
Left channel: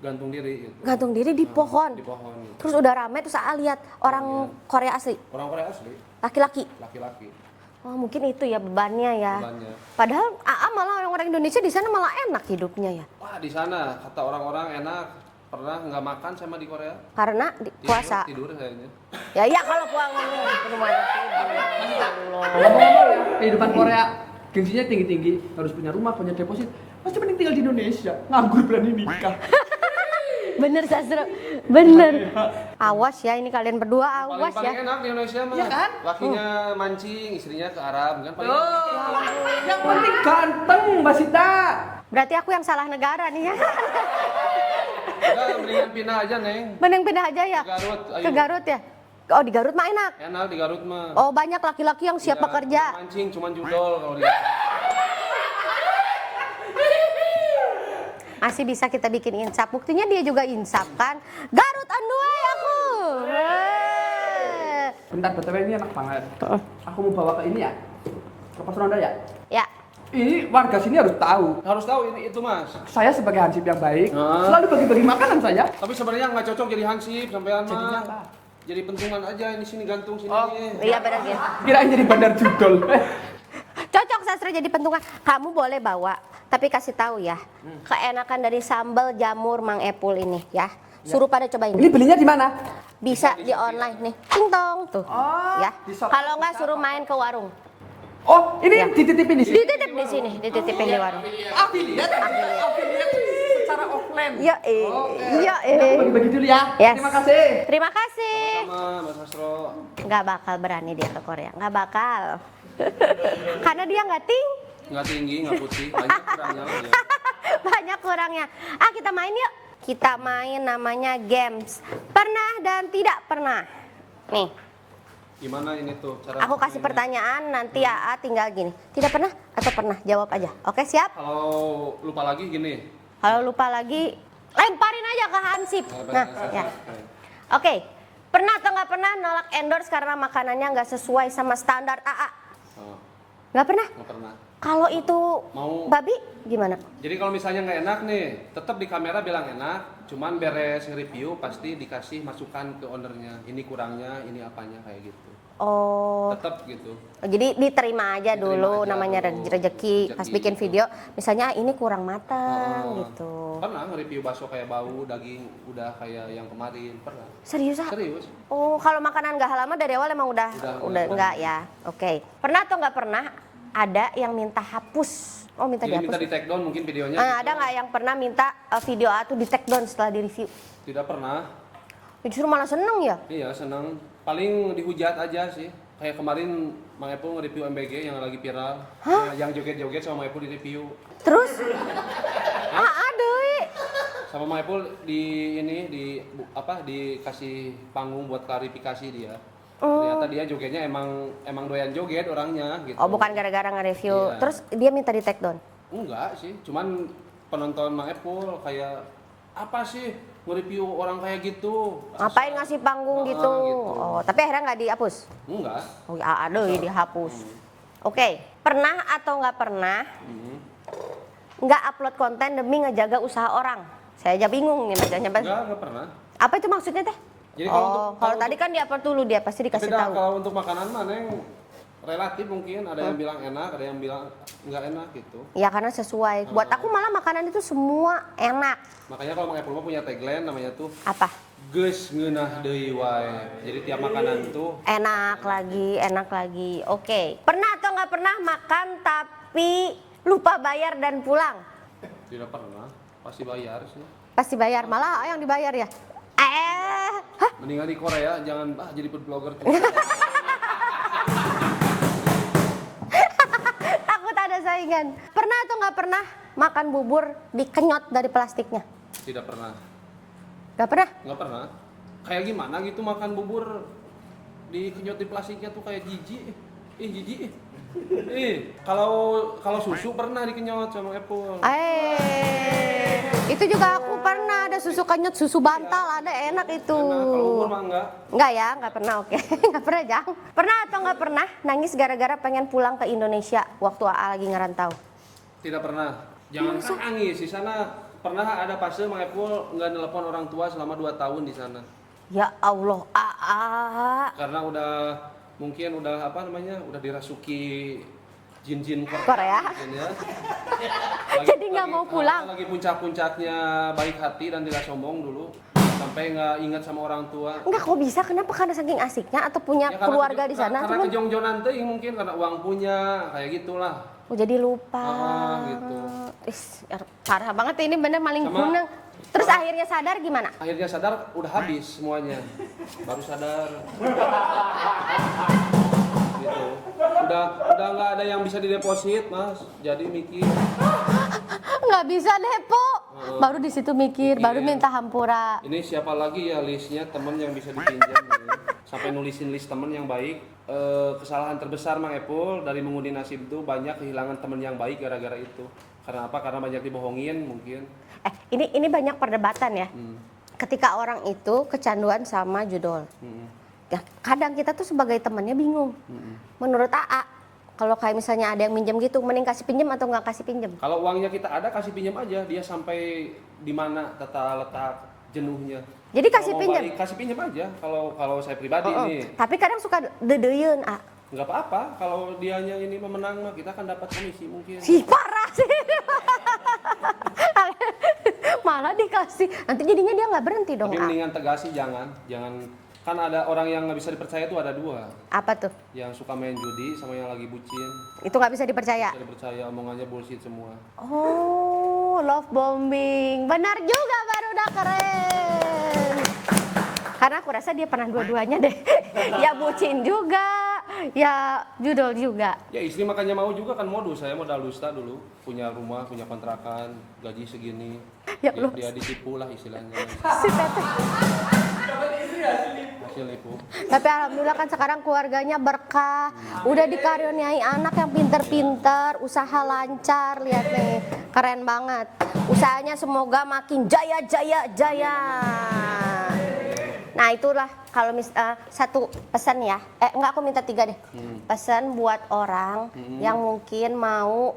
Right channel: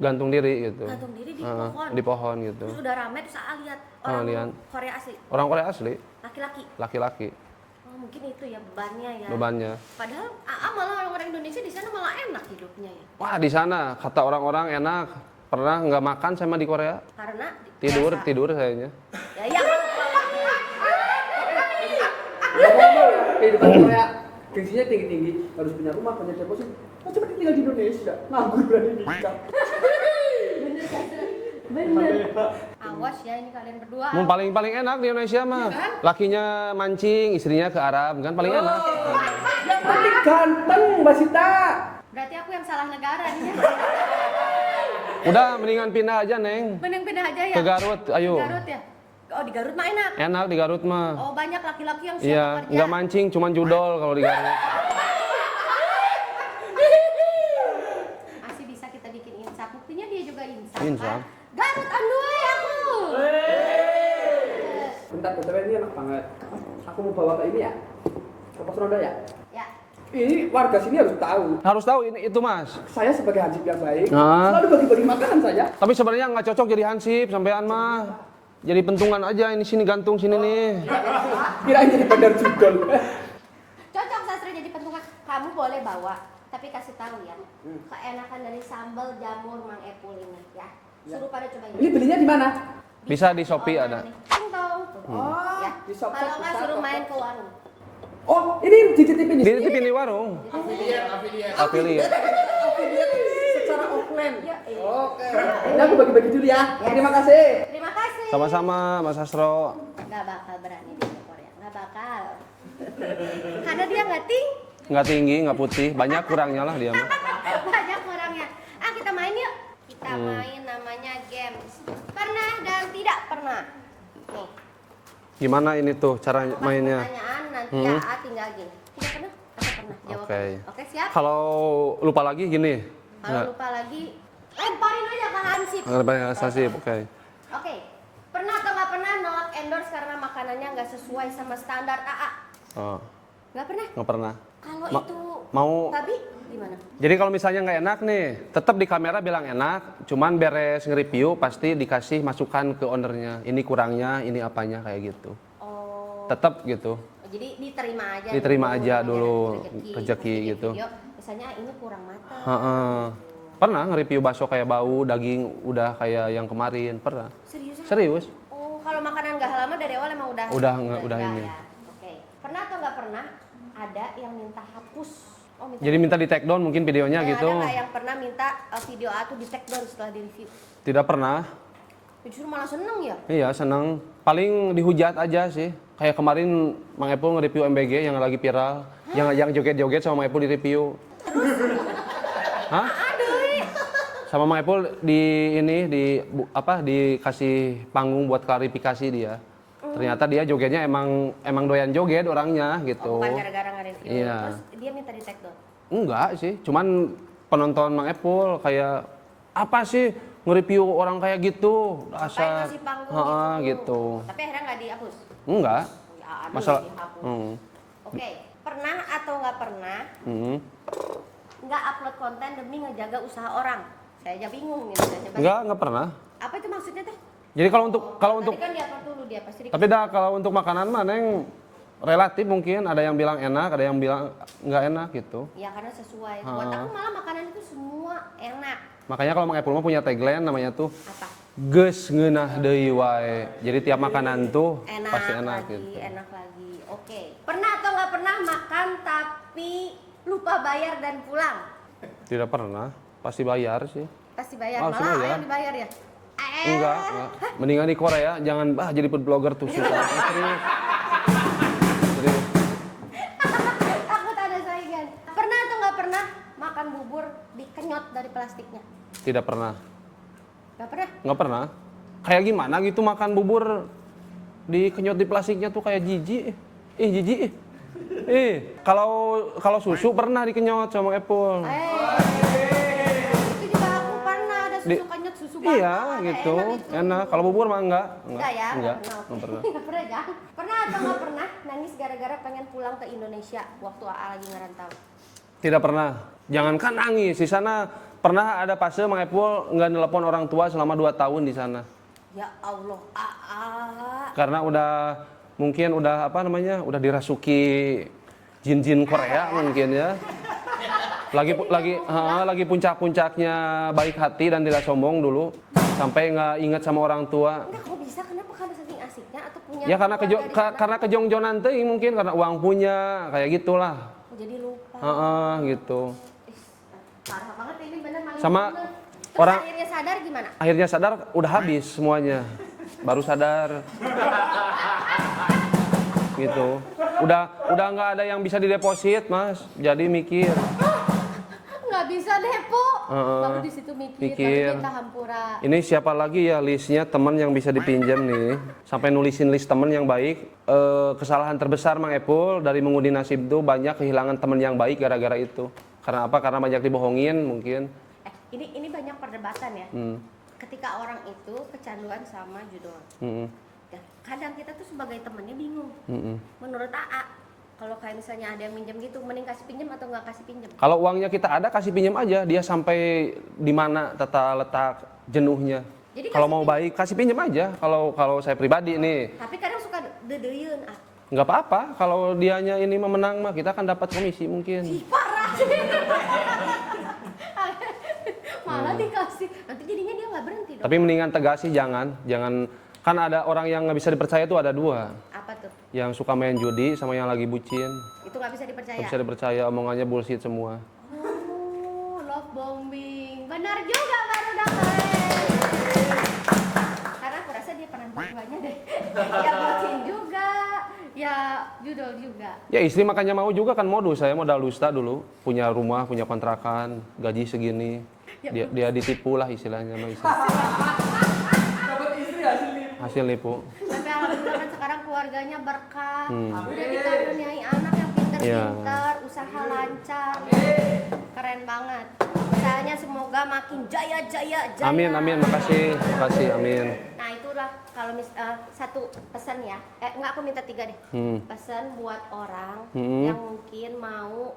Gantung diri gitu. gantung diri di pohon. Di pohon gitu. Terus udah ramai terus lihat orang lihat. Korea asli, Orang Korea asli, laki-laki. laki-laki. Oh, mungkin itu ya bebannya ya. bebannya. Padahal AA malah orang-orang Indonesia di sana malah enak hidupnya ya. Wah, di sana kata orang-orang enak. Pernah nggak makan saya mah di Korea. Karena puasa. Tidur sayanya. Ya iya kalau pulang dulu. Kehidupan Korea gengsinya tinggi-tinggi, harus punya rumah, punya deposit. Masih mending tinggal di Indonesia, nganggur berani nikah. Bener Sastro, bener. Awas ya ini kalian berdua. Mau paling awas ya. enak di Indonesia mah. Iya kan? Lakinya mancing, istrinya ke Arab kan paling enak. Yang penting ganteng, Mbak Sita. Berarti aku yang salah negara nih ya. Udah mendingan pindah aja, Neng. Mending pindah aja ya. Ke Garut, ayo. Ke Garut ya. Oh di Garut mah enak. Enak di Garut mah. Oh banyak laki-laki yang siap Iya, bekerja. nggak mancing, cuman judol kalau di Garut. Masih bisa kita bikin insap. Buktinya dia juga insap Insap. kan. Garut anduai aku. Bentar, BTW ini enak banget. Aku mau bawa ke ini ya, ke pos ronda ya. Ya. Ini warga sini harus tahu. Harus tahu itu Mas. Saya sebagai hansip yang baik, Ah. selalu bagi-bagi makanan saya. Tapi sebenarnya nggak cocok jadi hansip sampean mah. Jadi pentungan aja ini sini gantung sini nih. Iya benar. Kirain jadi bandar judol. Cocok Sastra jadi pentungan. Kamu boleh bawa, tapi kasih tahu ya. Keenakan dari sambal jamur Mang Epul ini ya. Suruh pada cobain. Ini belinya di mana? Bisa di Shopee online ada. nih. Ting tong tuh. Ya. di Shopee Kalau nggak suruh main ke warung. Oh, ini dititipin di sini. Dititipin di Di warung. sini, dititipin di warung. Affiliate. Secara offline. Iya, iya, Aku bagi-bagi dulu ya. Yes. Terima kasih. Terima kasih. Sama-sama Mas Astro. Nggak bakal berani dia ke Korea, nggak bakal. Karena dia nggak tinggi. Nggak tinggi, nggak putih, banyak kurangnya lah dia mah. Banyak kurangnya. Ah kita main yuk. Kita main namanya games. Pernah dan tidak pernah. Nih, Gimana ini tuh cara aku kasih mainnya? pertanyaan nanti ya tinggal gini. Tidak pernah atau pernah? Jawab Oke. aja. Oke siap? Kalau lupa lagi gini. Kalau lupa lagi, lemparin aja ke Hansip. Lemparin ke Hansip, ya. oke. Oke. Pernah atau nggak pernah nolak endorse karena makanannya nggak sesuai sama standar AA? Oh, Nggak pernah? nggak pernah. Kalau itu mau- babi gimana? Jadi kalau misalnya nggak enak nih, tetap di kamera bilang enak, cuman beres nge-review pasti dikasih masukan ke ownernya. Ini kurangnya, ini apanya kayak gitu. Oh, Tetap gitu. jadi diterima aja Diterima dulu, aja namanya dulu, rezeki. Pas rezeki bikin gitu. video, misalnya ini kurang matang Heeh. gitu. Pernah nge-review bakso kayak bau, daging udah kayak yang kemarin, pernah. Serius? Ah? Serius. Oh, kalau makanan nggak halal mah dari awal emang udah Udah enggak ini. ya. Oke. Pernah atau nggak pernah ada yang minta hapus? Oh, minta Jadi dihapus. minta di take down mungkin videonya gitu. Ada nggak yang pernah minta video A tuh di take down setelah di review? Tidak pernah. Justru malah seneng ya? Iya, senang. Paling dihujat aja sih. Kayak kemarin Mang Epul nge-review MBG yang lagi viral. Yang joget-joget sama Mang Epul di review. Terus? Hah? Aduh. Sama Mang Epul dikasih panggung buat klarifikasi dia. Ternyata dia jogetnya emang doyan joget orangnya gitu. Oh, bukan gara-gara nge-review. Iya. Terus dia minta di take down? Enggak sih, cuman penonton Mang Epul kayak apa sih nge-review orang kayak gitu? Ngapain Dasar. ngasih panggung Ha-ha, gitu? gitu. Oh, tapi akhirnya nggak dihapus? Enggak. Oh, ya ada Masa- dihapus. Hmm. Oke, pernah atau nggak pernah nggak upload konten demi ngejaga usaha orang? Saya aja bingung nih bacanya. Enggak pernah. Apa itu maksudnya teh? Jadi kalau untuk kalau tadi kan di-upload dulu dia pasti tapi dikasih tahu. kalau untuk makanan mah Neng relatif mungkin ada yang bilang enak, ada yang bilang nggak enak gitu. Ya karena sesuai. Buat aku malah makanan itu semua enak. Makanya kalau Mang Epul mah punya tagline namanya tuh Apa? geus ngeunah deui wae. Jadi tiap makanan tuh pasti Enak enak. lagi, enak lagi. Oke. Pernah atau nggak pernah makan tapi lupa bayar dan pulang? Tidak pernah, pasti bayar sih. Pasti bayar. Oh, Malah sudah ya? yang dibayar ya? Enggak. Mendingan di Korea jangan jadi food blogger tuh. Serius. Takut ada saingan. Pernah atau nggak pernah makan bubur dikenyot dari plastiknya? Tidak pernah. Nggak pernah? Nggak pernah. Kayak gimana gitu makan bubur dikenyot di plastiknya tuh kayak jijik. Jijik. Kalau susu pernah dikenyot sama Apple. Itu juga aku pernah ada susu kenyot, susu bantal, ada enak itu. Enak. Kalau bubur mah enggak. Enggak ya, enggak Enggak. pernah, oke. Enggak pernah, Jang. Pernah atau enggak pernah nangis gara-gara pengen pulang ke Indonesia waktu AA lagi ngerantau? Tidak pernah. Jangankan nangis di sana. Pernah ada fase Mang Epul nggak nelpon orang tua selama 2 tahun di sana. Ya Allah, AA. Karena udah mungkin udah apa namanya, udah dirasuki jin-jin Korea mungkin ya. Lagi puncak-puncaknya baik hati dan tidak sombong dulu, sampai nggak ingat sama orang tua. Enggak, kok bisa? Kenapa? Karena saking asiknya atau punya Ya karena keluarga di sana? karena kejongjonan teuing mungkin, karena uang punya, kayak gitulah. Oh, jadi lupa. Gitu. Parah banget ini, bener maling Sama gunang. Terus orang- akhirnya sadar gimana? Akhirnya sadar udah habis semuanya. Baru sadar. Gitu. Udah nggak ada yang bisa dideposit, Mas. Jadi mikir. Nggak bisa depo. Baru di situ mikir, baru minta hampura. Ini siapa lagi ya listnya teman yang bisa dipinjam nih? Sampai nulisin list teman yang baik. Kesalahan terbesar Mang Epul dari mengundi nasib itu banyak kehilangan teman yang baik gara-gara itu. Karena apa? Karena banyak dibohongin mungkin. Ini banyak perdebatan ya. Ketika orang itu kecanduan sama judul. Ya, kadang kita tuh sebagai temannya bingung. Menurut AA, kalau kayak misalnya ada yang minjem gitu, mending kasih pinjam atau nggak kasih pinjam? Kalau uangnya kita ada, kasih pinjam aja. Dia sampai di mana tata letak jenuhnya. Jadi kalau kasih mau pinjam? baik, kasih pinjam aja. Kalau saya pribadi nih, Tapi kadang suka dedeun, A. nggak apa-apa. Kalau dianya ini memenang mah, kita akan dapat komisi mungkin. Ih, parah sih. Malah dikasih. Nanti jadinya dia nggak berhenti dong. Tapi A. mendingan tegas sih, jangan. Kan ada orang yang nggak bisa dipercaya tuh ada dua. Apa tuh? Yang suka main judi sama yang lagi bucin. Itu nggak bisa dipercaya. Bisa dipercaya, omongannya bullshit semua. Oh, love bombing. Benar juga, Garuda, keren. Karena aku rasa dia pernah dua-duanya deh. Ya bucin juga, ya judul juga. Ya istri makanya mau juga kan modus. Saya modal dusta dulu. Punya rumah, punya kontrakan, gaji segini. Ya, Dia ditipu lah istilahnya. Hasil nipu. Tapi alhamdulillah kan sekarang keluarganya berkah. Udah dikaruniai anak yang pinter-pinter, usaha lancar, lihat deh. Keren banget. Usahanya semoga makin jaya. Amin, makasih, amin. Nah itulah kalau satu pesan ya. Enggak, aku minta 3 deh. Pesan buat orang yang mungkin mau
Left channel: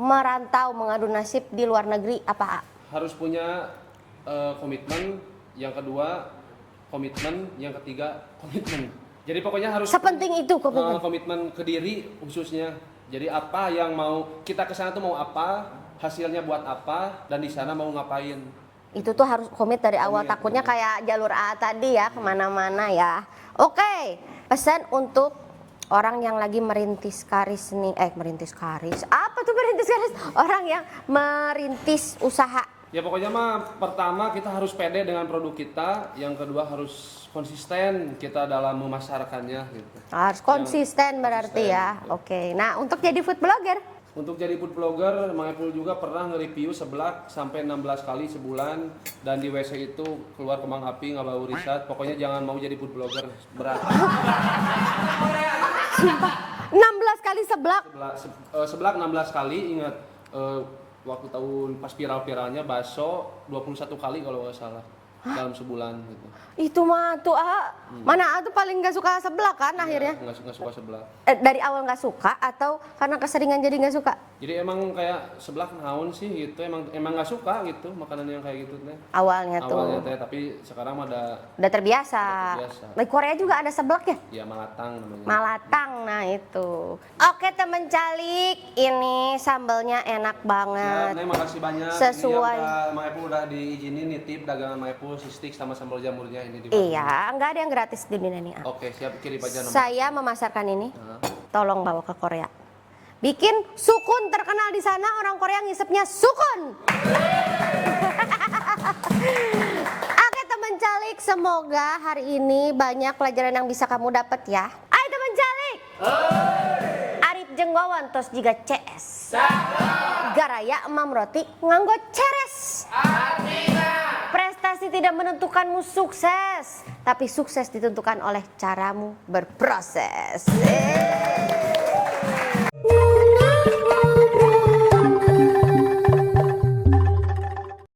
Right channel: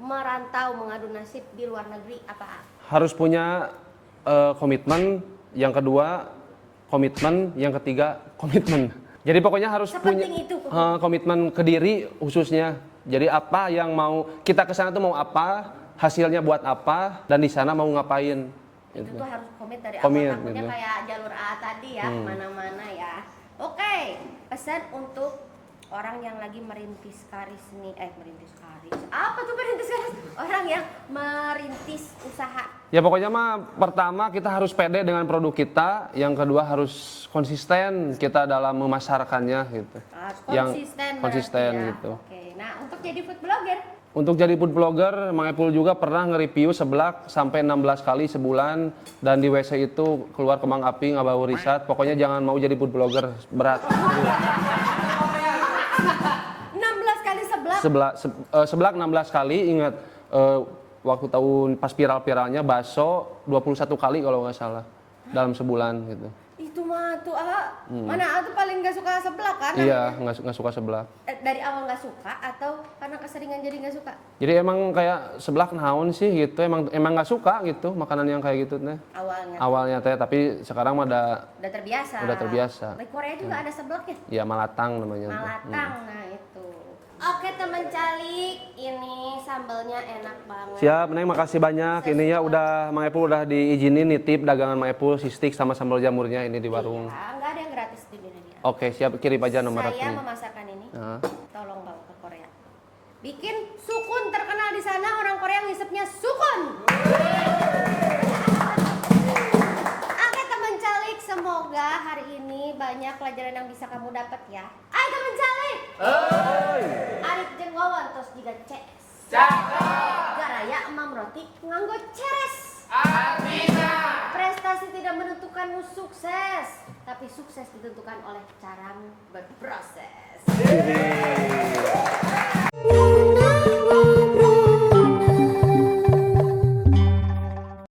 merantau mengadu nasib di luar negeri apa? Harus punya komitmen. Yang kedua komitmen, yang ketiga komitmen. Jadi pokoknya harus Sepenting itu komitmen ke diri khususnya. Jadi apa yang mau kita ke sana tuh mau apa, hasilnya buat apa, dan di sana mau ngapain. Itu tuh harus komit dari awal. Komit, Takutnya iya. kayak jalur A tadi ya, kemana-mana ya. Oke, pesan untuk orang yang lagi merintis karis nih. Merintis karis? Apa tuh merintis karis? Orang yang merintis usaha. Ya pokoknya mah pertama kita harus pede dengan produk kita, yang kedua harus konsisten kita dalam memasarkannya gitu. Harus konsisten berarti ya. Gitu. Oke, nah untuk jadi food blogger? Untuk jadi food blogger, Mang Epul juga pernah nge-review seblak sampai 16 kali sebulan, dan di WC itu keluar kembang api, nggak bau risat. Pokoknya jangan mau jadi food blogger, berat. 16 kali seblak? Seblak 16 kali, ingat waktu tahun pas viral-viralnya bakso 21 kali kalau nggak salah dalam sebulan gitu. Itu mah tuh mana tuh paling nggak suka seblak kan Iya, akhirnya? nggak suka seblak. Dari awal nggak suka atau karena keseringan jadi nggak suka? Jadi emang kayak seblak naon sih gitu, emang nggak suka gitu makanan yang kayak gitu teh. Awalnya Teh, tapi sekarang mah udah terbiasa. Udah terbiasa. Di Korea juga ada seblak ya? Ya malatang namanya. Malatang, nah itu. Oke temen calik, ini sambalnya enak banget. Siap, Neng, makasih banyak. Ini ya Sesuai. udah Mang Epul udah diizinin nitip dagangan Mang Epul, sistik sama sambal jamurnya ini di warung. Iya, nggak ada yang gratis di dunia ini. Oke, siap, kirim aja nomor Saya rekening. memasarkan ini, Nah. tolong bawa ke Korea. Bikin sukun terkenal di sana, orang Korea ngisepnya sukun. Oke teman calik, semoga hari ini banyak pelajaran yang bisa kamu dapat ya. Ayo teman calik. Arif jenggowan tos juga CS. Garaya emam roti nganggo ceres. Prestasi tidak menentukanmu sukses, tapi sukses ditentukan oleh caramu berproses.